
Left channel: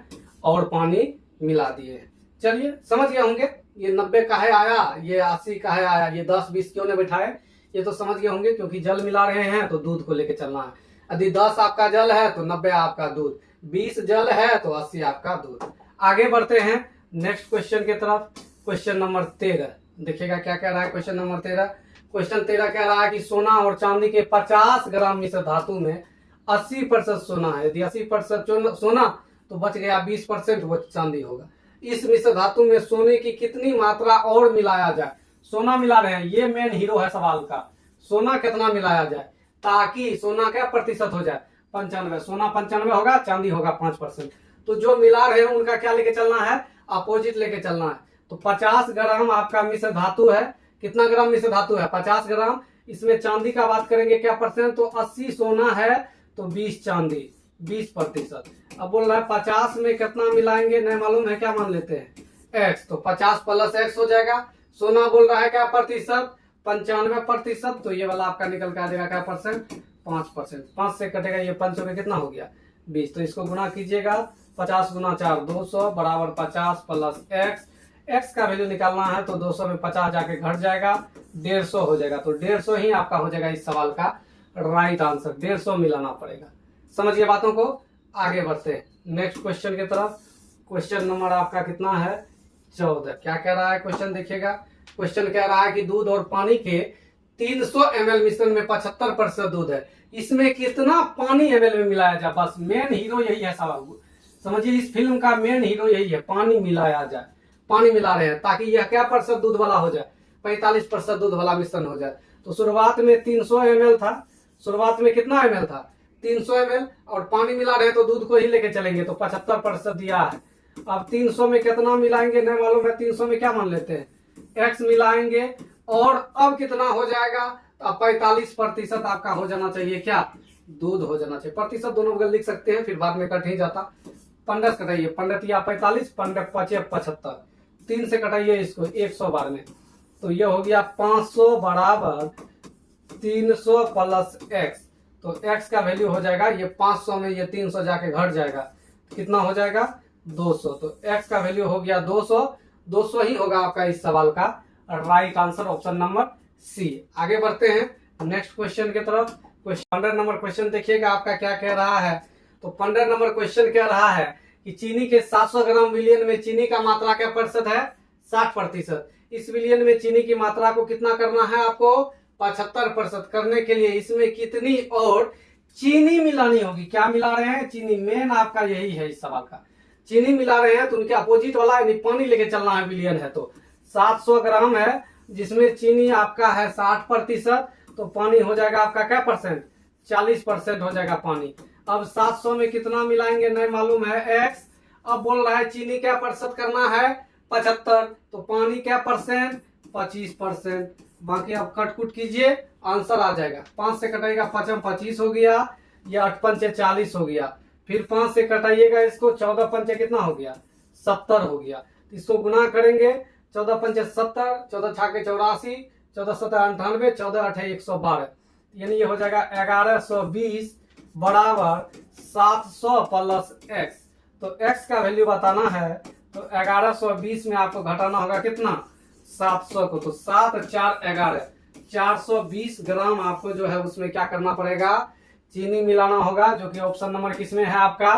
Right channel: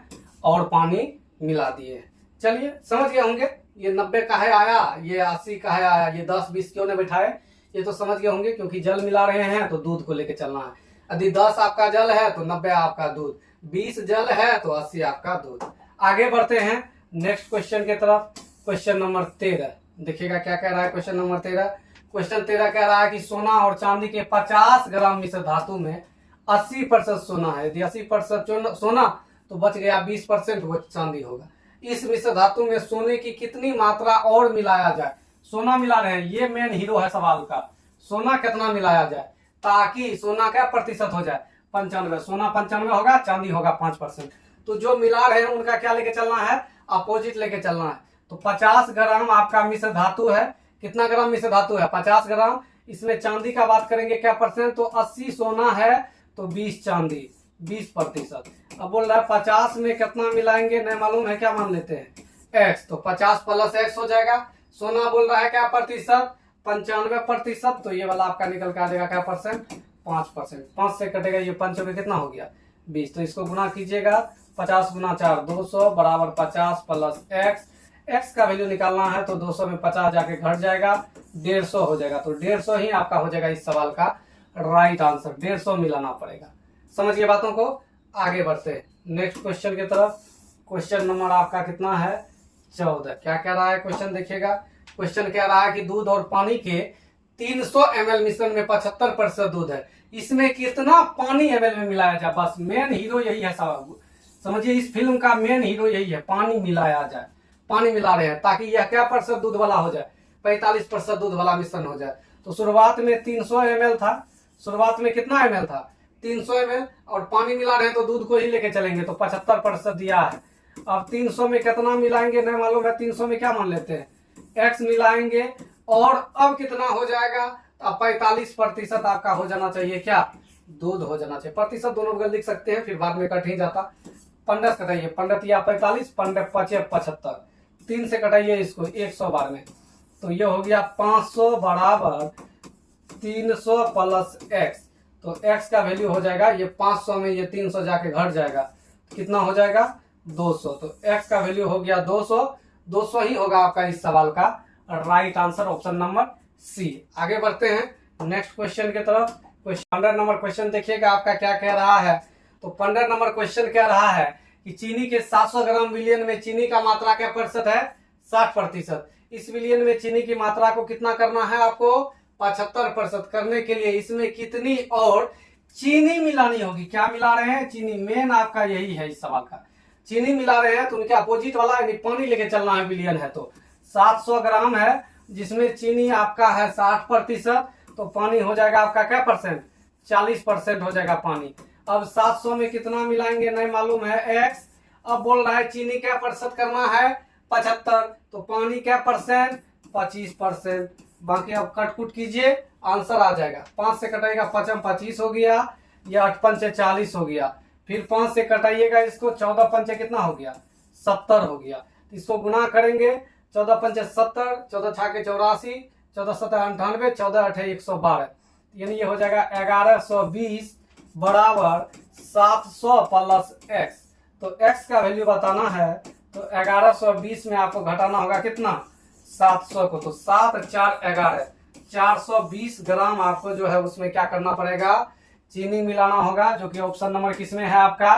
और पानी मिला दिए हैं। चलिए समझ गए होंगे, ये 90 का है आया, ये 80 का है आया, ये 10 20 क्यों ने बैठाए, ये तो समझ गए होंगे, क्योंकि जल मिला रहे हैं तो दूध को लेके चलना है, यदि 10 आपका जल है तो 90 आपका दूध, 20 जल है तो 80 आपका दूध। आगे बढ़ते हैं नेक्स्ट क्वेश्चन की तरफ। क्वेश्चन नंबर 13 देखिएगा क्या कह रहा है। क्वेश्चन नंबर 13, क्वेश्चन 13 कह रहा है कि सोना और चांदी के 50 ग्राम मिश्र धातु में 80% सोना है, यदि 80% सोना तो बच गया 20% वो चांदी होगा। इस मिश्र धातु में सोने की कितनी मात्रा और मिलाया जाए, सोना मिला रहे हैं, ये मेन हीरो है सवाल का, सोना कितना मिलाया जाए ताकि सोना क्या प्रतिशत हो जाए 95, सोना 95 होगा, चांदी होगा 5%, तो जो मिला रहे हैं उनका क्या लेके चलना है, अपोजिट लेके चलना है। तो 50 ग्राम आपका मिश्र धातु है, कितना ग्राम मिश्र धातु है 50 ग्राम, इसमें चांदी का बात करेंगे क्या परसेंट, तो 80 सोना है तो 20 चांदी 20%। अब बोल रहा है 50 में कितना मिलाएंगे नहीं मालूम है, क्या मान लेते हैं x, तो 50 प्लस x हो जाएगा, सोना बोल रहा है क्या प्रतिशत 95%, तो ये वाला आपका निकल के आ जाएगा क्या परसेंट 5%, 5 से कटेगा ये 5 में कितना हो गया 20, तो इसको गुना कीजिएगा 50 गुना 4 200 बराबर 50 प्लस x का वैल्यू निकालना है तो 200 में 50 जाके घट जाएगा 150 हो जाएगा, तो 150 ही आपका हो जाएगा इस सवाल का राइट आंसर, 150 मिलाना पड़ेगा। समझिए बातों को, आगे बढ़ते हैं नेक्स्ट क्वेश्चन की तरफ। क्वेश्चन नंबर आपका कितना है 14, क्या कह रहा है क्वेश्चन देखिएगा। क्वेश्चन कह रहा है कि दूध और पानी के 300 ml मिश्रण में 75% दूध है, इसमें कितना पानी ml में मिलाया जाए, बस मेन हीरो यही है सवाल, समझिए इस फिल्म का मेन हीरो यही है, पानी मिलाया जाए, पानी मिला रहे हैं ताकि यह क्या प्रतिशत दूध वाला हो जाए 45% दूध वाला मिश्रण हो जाए। तो शुरुआत में 300 ml था, शुरुआत में कितना ml था 300 ml, और पानी मिला रहे हैं तो दूध को ही लेके चलेंगे तो 75% दिया है। अब 300 में कितना मिलाएंगे नहीं मालूम है, 300 में क्या मान लेते हैं x मिलाएंगे, और अब कितना हो जाएगा, अब 45% आपका हो जाना चाहिए क्या दूध हो जाना चाहिए, प्रतिशत दोनों बगल लिख सकते हैं फिर बाद में कट ही जाता, 15 से कटाइए 15 या 45 15 5 75, 3 से कटाइए इसको 100 बार में, तो ये हो गया 500 बराबर 300 प्लस x, तो x का वैल्यू हो जाएगा ये 500 में ये 300 जाके घट जाएगा, कितना हो जाएगा 200, तो x का वैल्यू हो गया 200 ही होगा आपका इस सवाल का right answer, option number C. आगे बढ़ते हैं नेक्स्ट क्वेश्चन की तरफ। 15 नंबर क्वेश्चन देखिएगा आपका क्या कह रहा है। तो 15 नंबर क्वेश्चन कह रहा है कि चीनी के 700 ग्राम विलियन में चीनी का मात्रा क्या प्रतिशत है 60%, इस विलियन में चीनी की मात्रा को कितना करना है आपको 75% करने के लिए इसमें कितनी और चीनी मिलानी होगी, क्या मिला रहे हैं चीनी, मेन आपका यही है इस सवाल का, चीनी मिला रहे हैं तो उनके अपोजिट वाला यानी पानी लेके चलना है विलियन है, तो 700 ग्राम है, जिसमें चीनी आपका है 60%, तो पानी हो जाएगा आपका क्या परसेंट, 40% हो जाएगा पानी। अब 700 में कितना मिलाएंगे नहीं मालूम है, x। अब बोल रहा है चीनी क्या प्रतिशत करना है, 75, तो पानी क्या परसेंट, 25%। बाकी अब कट कुट कीजिए, आंसर आ जाएगा। 5 से कटाइएगा 5 25 हो गया, ये 8 पंचे 40 हो गया। फिर 5 से कटाइएगा इसको, 14 पंचे कितना हो गया, 70 हो गया। इसको गुना करेंगे, 14 पंचे 70, 14 छाके 84, 14 सत्तर 98, 14 8 112, यानी ये हो जाएगा 1120 बराबर 700 प्लस x। तो x का वैल्यू बताना है, तो 1120 में आपको घटाना होगा कितना, 700 को, तो 7 4 11, 420 ग्राम आपको जो है उसमें क्या करना पड़ेगा, चीनी मिलाना होगा, जो कि ऑप्शन नंबर किसमें है आपका,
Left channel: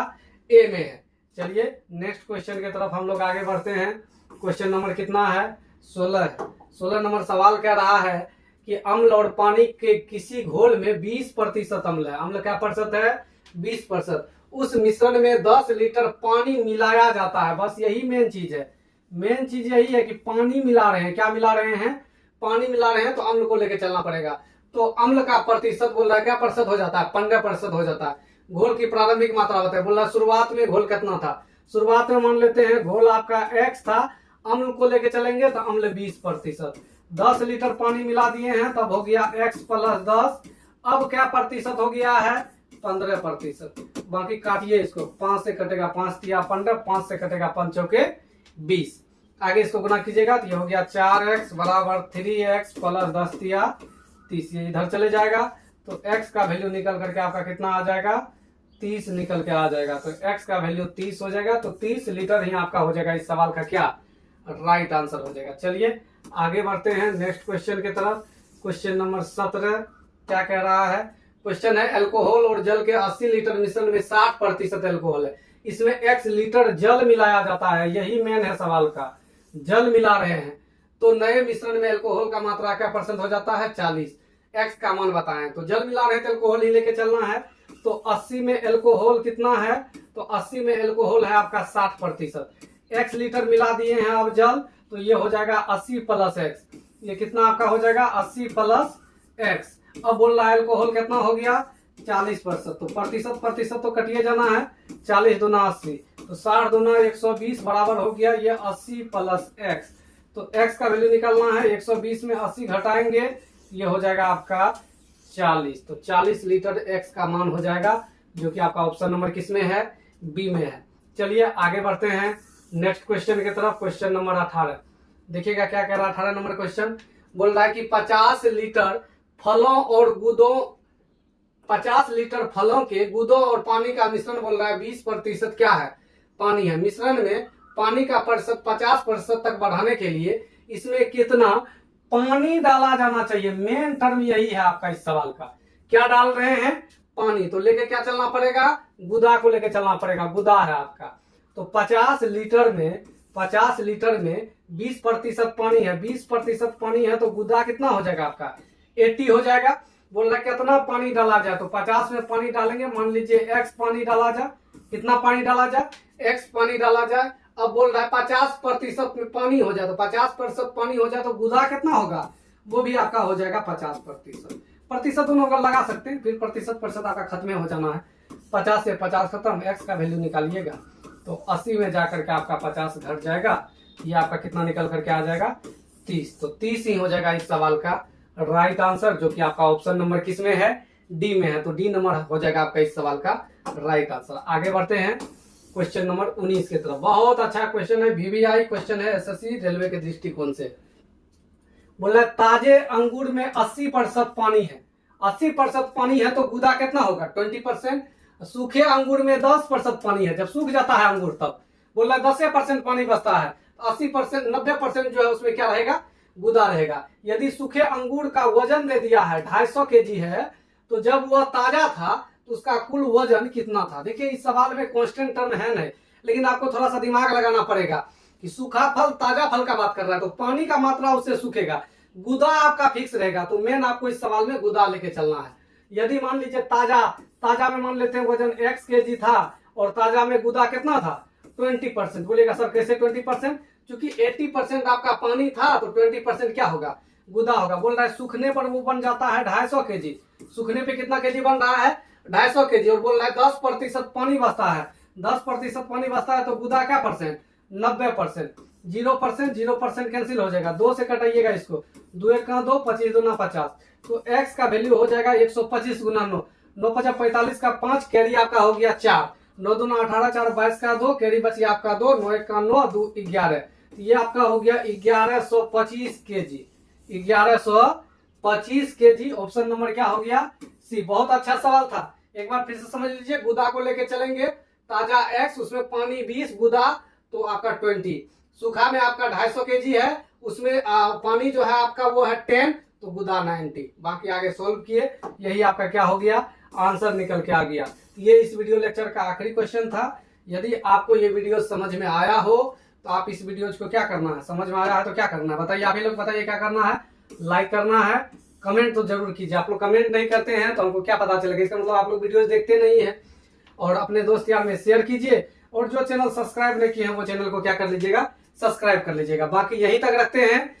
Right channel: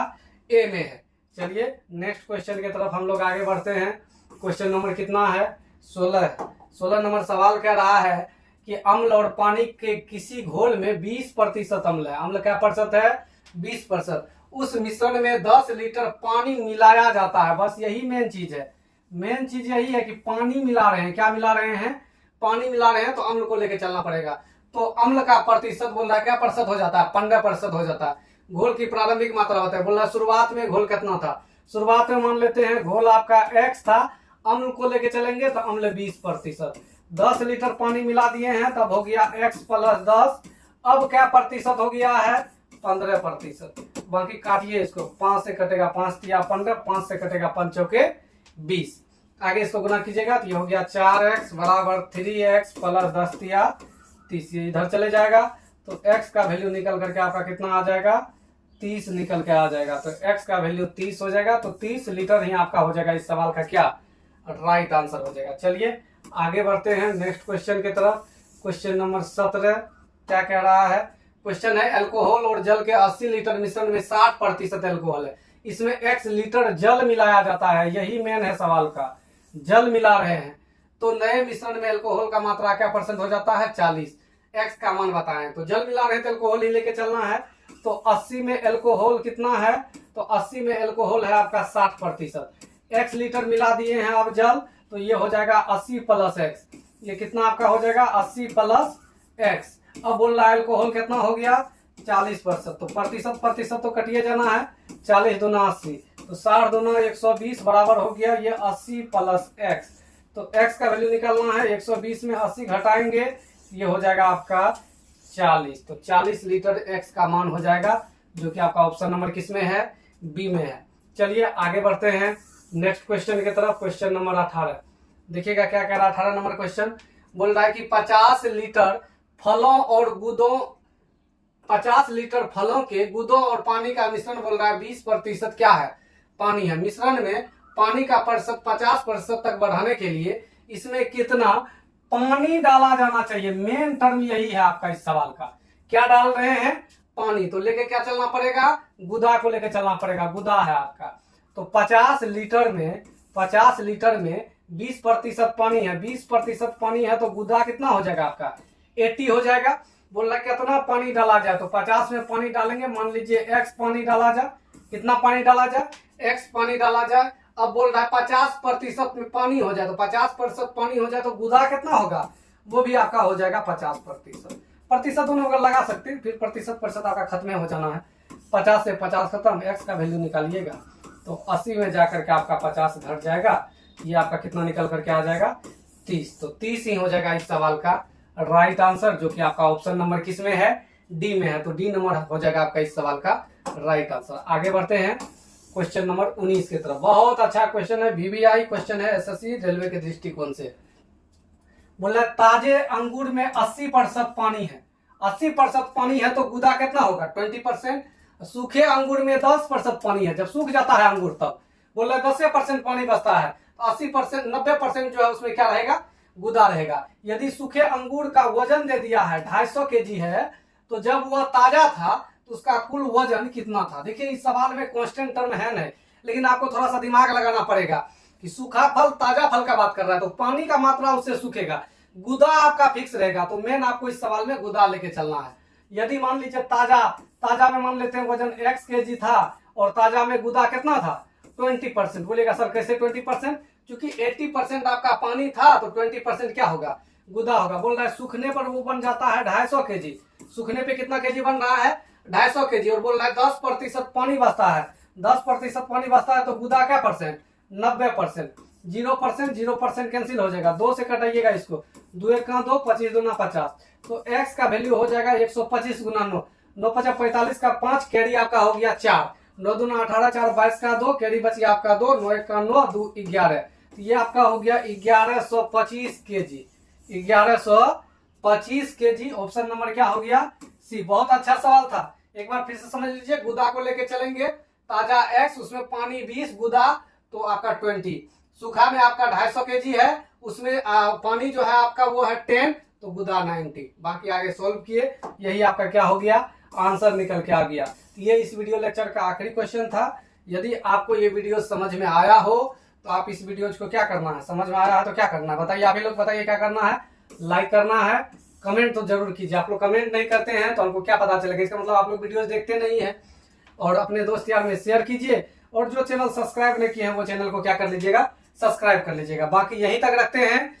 ए में है। चलिए नेक्स्ट क्वेश्चन की तरफ हम लोग आगे बढ़ते हैं। क्वेश्चन नंबर कितना है, 16 नंबर सवाल कह रहा है कि अम्ल और पानी के किसी घोल में 20% अम्ल है। अम्ल क्या प्रतिशत है, 20%। उस मिश्रण में 10 लीटर पानी मिलाया जाता है। बस यही मेन चीज है, मेन चीज यही है कि पानी मिला रहे हैं। क्या मिला रहे हैं, पानी मिला रहे हैं, तो अम्ल को लेकर चलना पड़ेगा। तो अम्ल का प्रतिशत बोल रहा है क्या प्रतिशत हो जाता है, 15% हो जाता है। घोल की प्रारंभिक मात्रा होता है, बोल रहा है शुरुआत में घोल कितना था, शुरुआत में मान लेते हैं घोल आपका x था, अम्ल को लेके चलेंगे तो अम्ल 20%। 10 लीटर पानी मिला दिए हैं, तब हो गया x प्लस 10। अब क्या प्रतिशत हो गया है, 15%। बाकी काटिए इसको, 5 से कटेगा 5 तिया 15, 5 से कटेगा 5 चौके 20। आगे इसको गुना कीजिएगा तो ये हो गया 4x बराबर 3x प्लस 10 तिया 30, इधर चले जाएगा तो x का वैल्यू निकल करके आपका कितना आ जाएगा, 30 निकल के आ जाएगा। तो x का वैल्यू 30 हो जाएगा, तो 30 लीटर ही आपका हो जाएगा इस सवाल का क्या, राइट आंसर हो जाएगा। चलिए आगे बढ़ते हैं नेक्स्ट क्वेश्चन की तरफ। क्वेश्चन नंबर 17 क्या कह रहा है, क्वेश्चन है अल्कोहल और जल के 80 लीटर मिश्रण में 60% अल्कोहल है, इसमें x लीटर जल मिलाया जाता है। यही मेन है सवाल का, जल मिला रहे हैं, तो नए मिश्रण में अल्कोहल का मात्रा क्या परसेंट हो जाता है, 40। x का मान बताएं, तो जल मिला रहे थे, अल्कोहल ही लेके चलना है। तो 80 में अल्कोहल कितना है, तो 80 में अल्कोहल है आपका 60%। x लीटर मिला दिए हैं अब जल, तो ये हो जाएगा 80 प्लस x, ये कितना आपका हो जाएगा 80 प्लस x। अब बोल रहा है अल्कोहल कितना हो गया, 40%, तो प्रतिशत तो कटिए जाना है, 40 दूना 80, तो 60 दूना 120 बराबर हो गया ये 80 प्लस x। तो x का वैल्यू निकालना है, 120 में 80 घटाएंगे, ये हो जाएगा आपका 40, तो 40 लीटर x का मान हो जाएगा, जो कि आपका ऑप्शन नंबर किसमें है, बी में है। चलिए आगे बढ़ते हैं नेक्स्ट क्वेश्चन की तरफ। क्वेश्चन नंबर 18 देखिएगा क्या कह रहा है। 18 नंबर क्वेश्चन बोल रहा है कि 50 लीटर फलों और गुदों 50 लीटर फलों के गुदों और पानी का मिश्रण बोल रहा है 20% क्या है, पानी है। मिश्रण में पानी का प्रतिशत 50% तक बढ़ाने के लिए इसमें कितना पानी डाला जाना चाहिए, मेन टर्म यही है आपका इस सवाल का। क्या डाल रहे हैं, पानी, तो लेके क्या चलना पड़ेगा, गुदा को लेके चलना पड़ेगा, गुदा है आपका। तो 50 लीटर में 20% पानी है, 20% पानी है, तो गुदा कितना हो जाएगा आपका 80 हो जाएगा। बोल रहा कितना पानी डाला जाए, तो 50 में पानी डालेंगे, मान लीजिए x पानी डाला जाए, कितना पानी डाला जाए, x पानी डाला जाए। अब बोल रहा है 50% में पानी हो जाए, तो 50% पानी हो जाए तो गुदा कितना होगा, वो भी आपका हो जाएगा 50%। प्रतिशत दोनों अगर लगा सकते हैं, फिर प्रतिशत आपका खत्म हो जाना है। 50 से 50 खत्म, x का वैल्यू निकालिएगा तो 80 में जाकर के आपका 50 घट जाएगा, ये आपका कितना निकल करके आ जाएगा 30। तो 30 ही हो जाएगा इस सवाल का राइट आंसर, जो कि आपका ऑप्शन नंबर किसमें है, डी में है। तो डी नंबर हो जाएगा आपका इस सवाल का राइट आंसर। आगे बढ़ते हैं क्वेश्चन नंबर 19 की तरफ। बहुत अच्छा क्वेश्चन है, वीवीआई क्वेश्चन है एसएससी रेलवे के दृष्टिकोण से। बोला ताजे अंगूर में 80% पानी है, 80% पानी है, तो गुदा कितना होगा 20%। सूखे अंगूर में 10% पानी है, जब सूख जाता है अंगूर तब बोल रहा 10% पानी बचता है, तो 80% 90% जो है उसमें क्या रहेगा, गुदा रहेगा। यदि सूखे अंगूर का वजन दे दिया है 250 केजी है, तो जब वह ताजा था तो उसका कुल वजन कितना था। देखिए इस सवाल में कांस्टेंट टर्म है नहीं, लेकिन आपको थोड़ा सा दिमाग लगाना पड़ेगा कि सूखा फल ताजा फल का बात कर रहा है, तो पानी का मात्रा उससे सूखेगा, गुदा आपका फिक्स रहेगा। तो मेन आपको इस सवाल में गुदा लेके चलना है। यदि मान लीजिए ताजा में मान लेते हैं वजन x केजी था और ताजा में गुदा कितना था 20%। बोलेगा सर कैसे 20%, क्योंकि 80% आपका पानी था तो 20% क्या होगा, गुदा होगा। बोल रहा है सूखने पर वो बन जाता है 250 केजी। सूखने पे कितना केजी बन रहा है, 250 केजी। और बोल रहा है 10% पानी बचता है, 10% पानी बचता है तो गुदा क्या परसेंट, 90%। 0% कैंसिल हो जाएगा, 2 से कटाइएगा इसको, 2 एक 2, 25 दूना 50। तो x का वैल्यू हो जाएगा 125 गुना 9, 9 50 45 का 5, कैरी आपका हो गया 4, 9 दूना 18, 4 22 का 2, कैरी बची आपका 2, 9 एक 9, 2 11। तो ये आपका हो गया 1125 केजी, 1125 केजी। ऑप्शन नंबर क्या हो गया, सी। बहुत अच्छा सवाल था, एक बार फिर से समझ लीजिए। गुदा को लेके चलेंगे, ताजा x, उसमें पानी 20, गुदा तो आपका 20। सूखा में आपका 250 केजी है, उसमें पानी जो है आपका वो है 10, तो गुदा 90। बाकी आगे सोल्व किए, यही आपका क्या हो गया, आंसर निकल के आ गया। ये इस वीडियो लेक्चर का आखिरी क्वेश्चन था। यदि आपको ये वीडियो समझ में आया हो तो आप इस वीडियो को क्या करना है, समझ में आया है तो क्या करना है बताइए, आप ही लोग बताइए क्या करना है। लाइक करना है, कमेंट तो जरूर कीजिए। आप लोग कमेंट नहीं करते हैं तो हमको क्या पता चलेगा, इसका मतलब आप लोग वीडियोस देखते नहीं है। और अपने दोस्त यार में शेयर कीजिए, और जो चैनल सब्सक्राइब नहीं किए हैं वो चैनल को क्या कर लीजिएगा, सब्सक्राइब कर लीजिएगा। बाकी यहीं तक रखते हैं,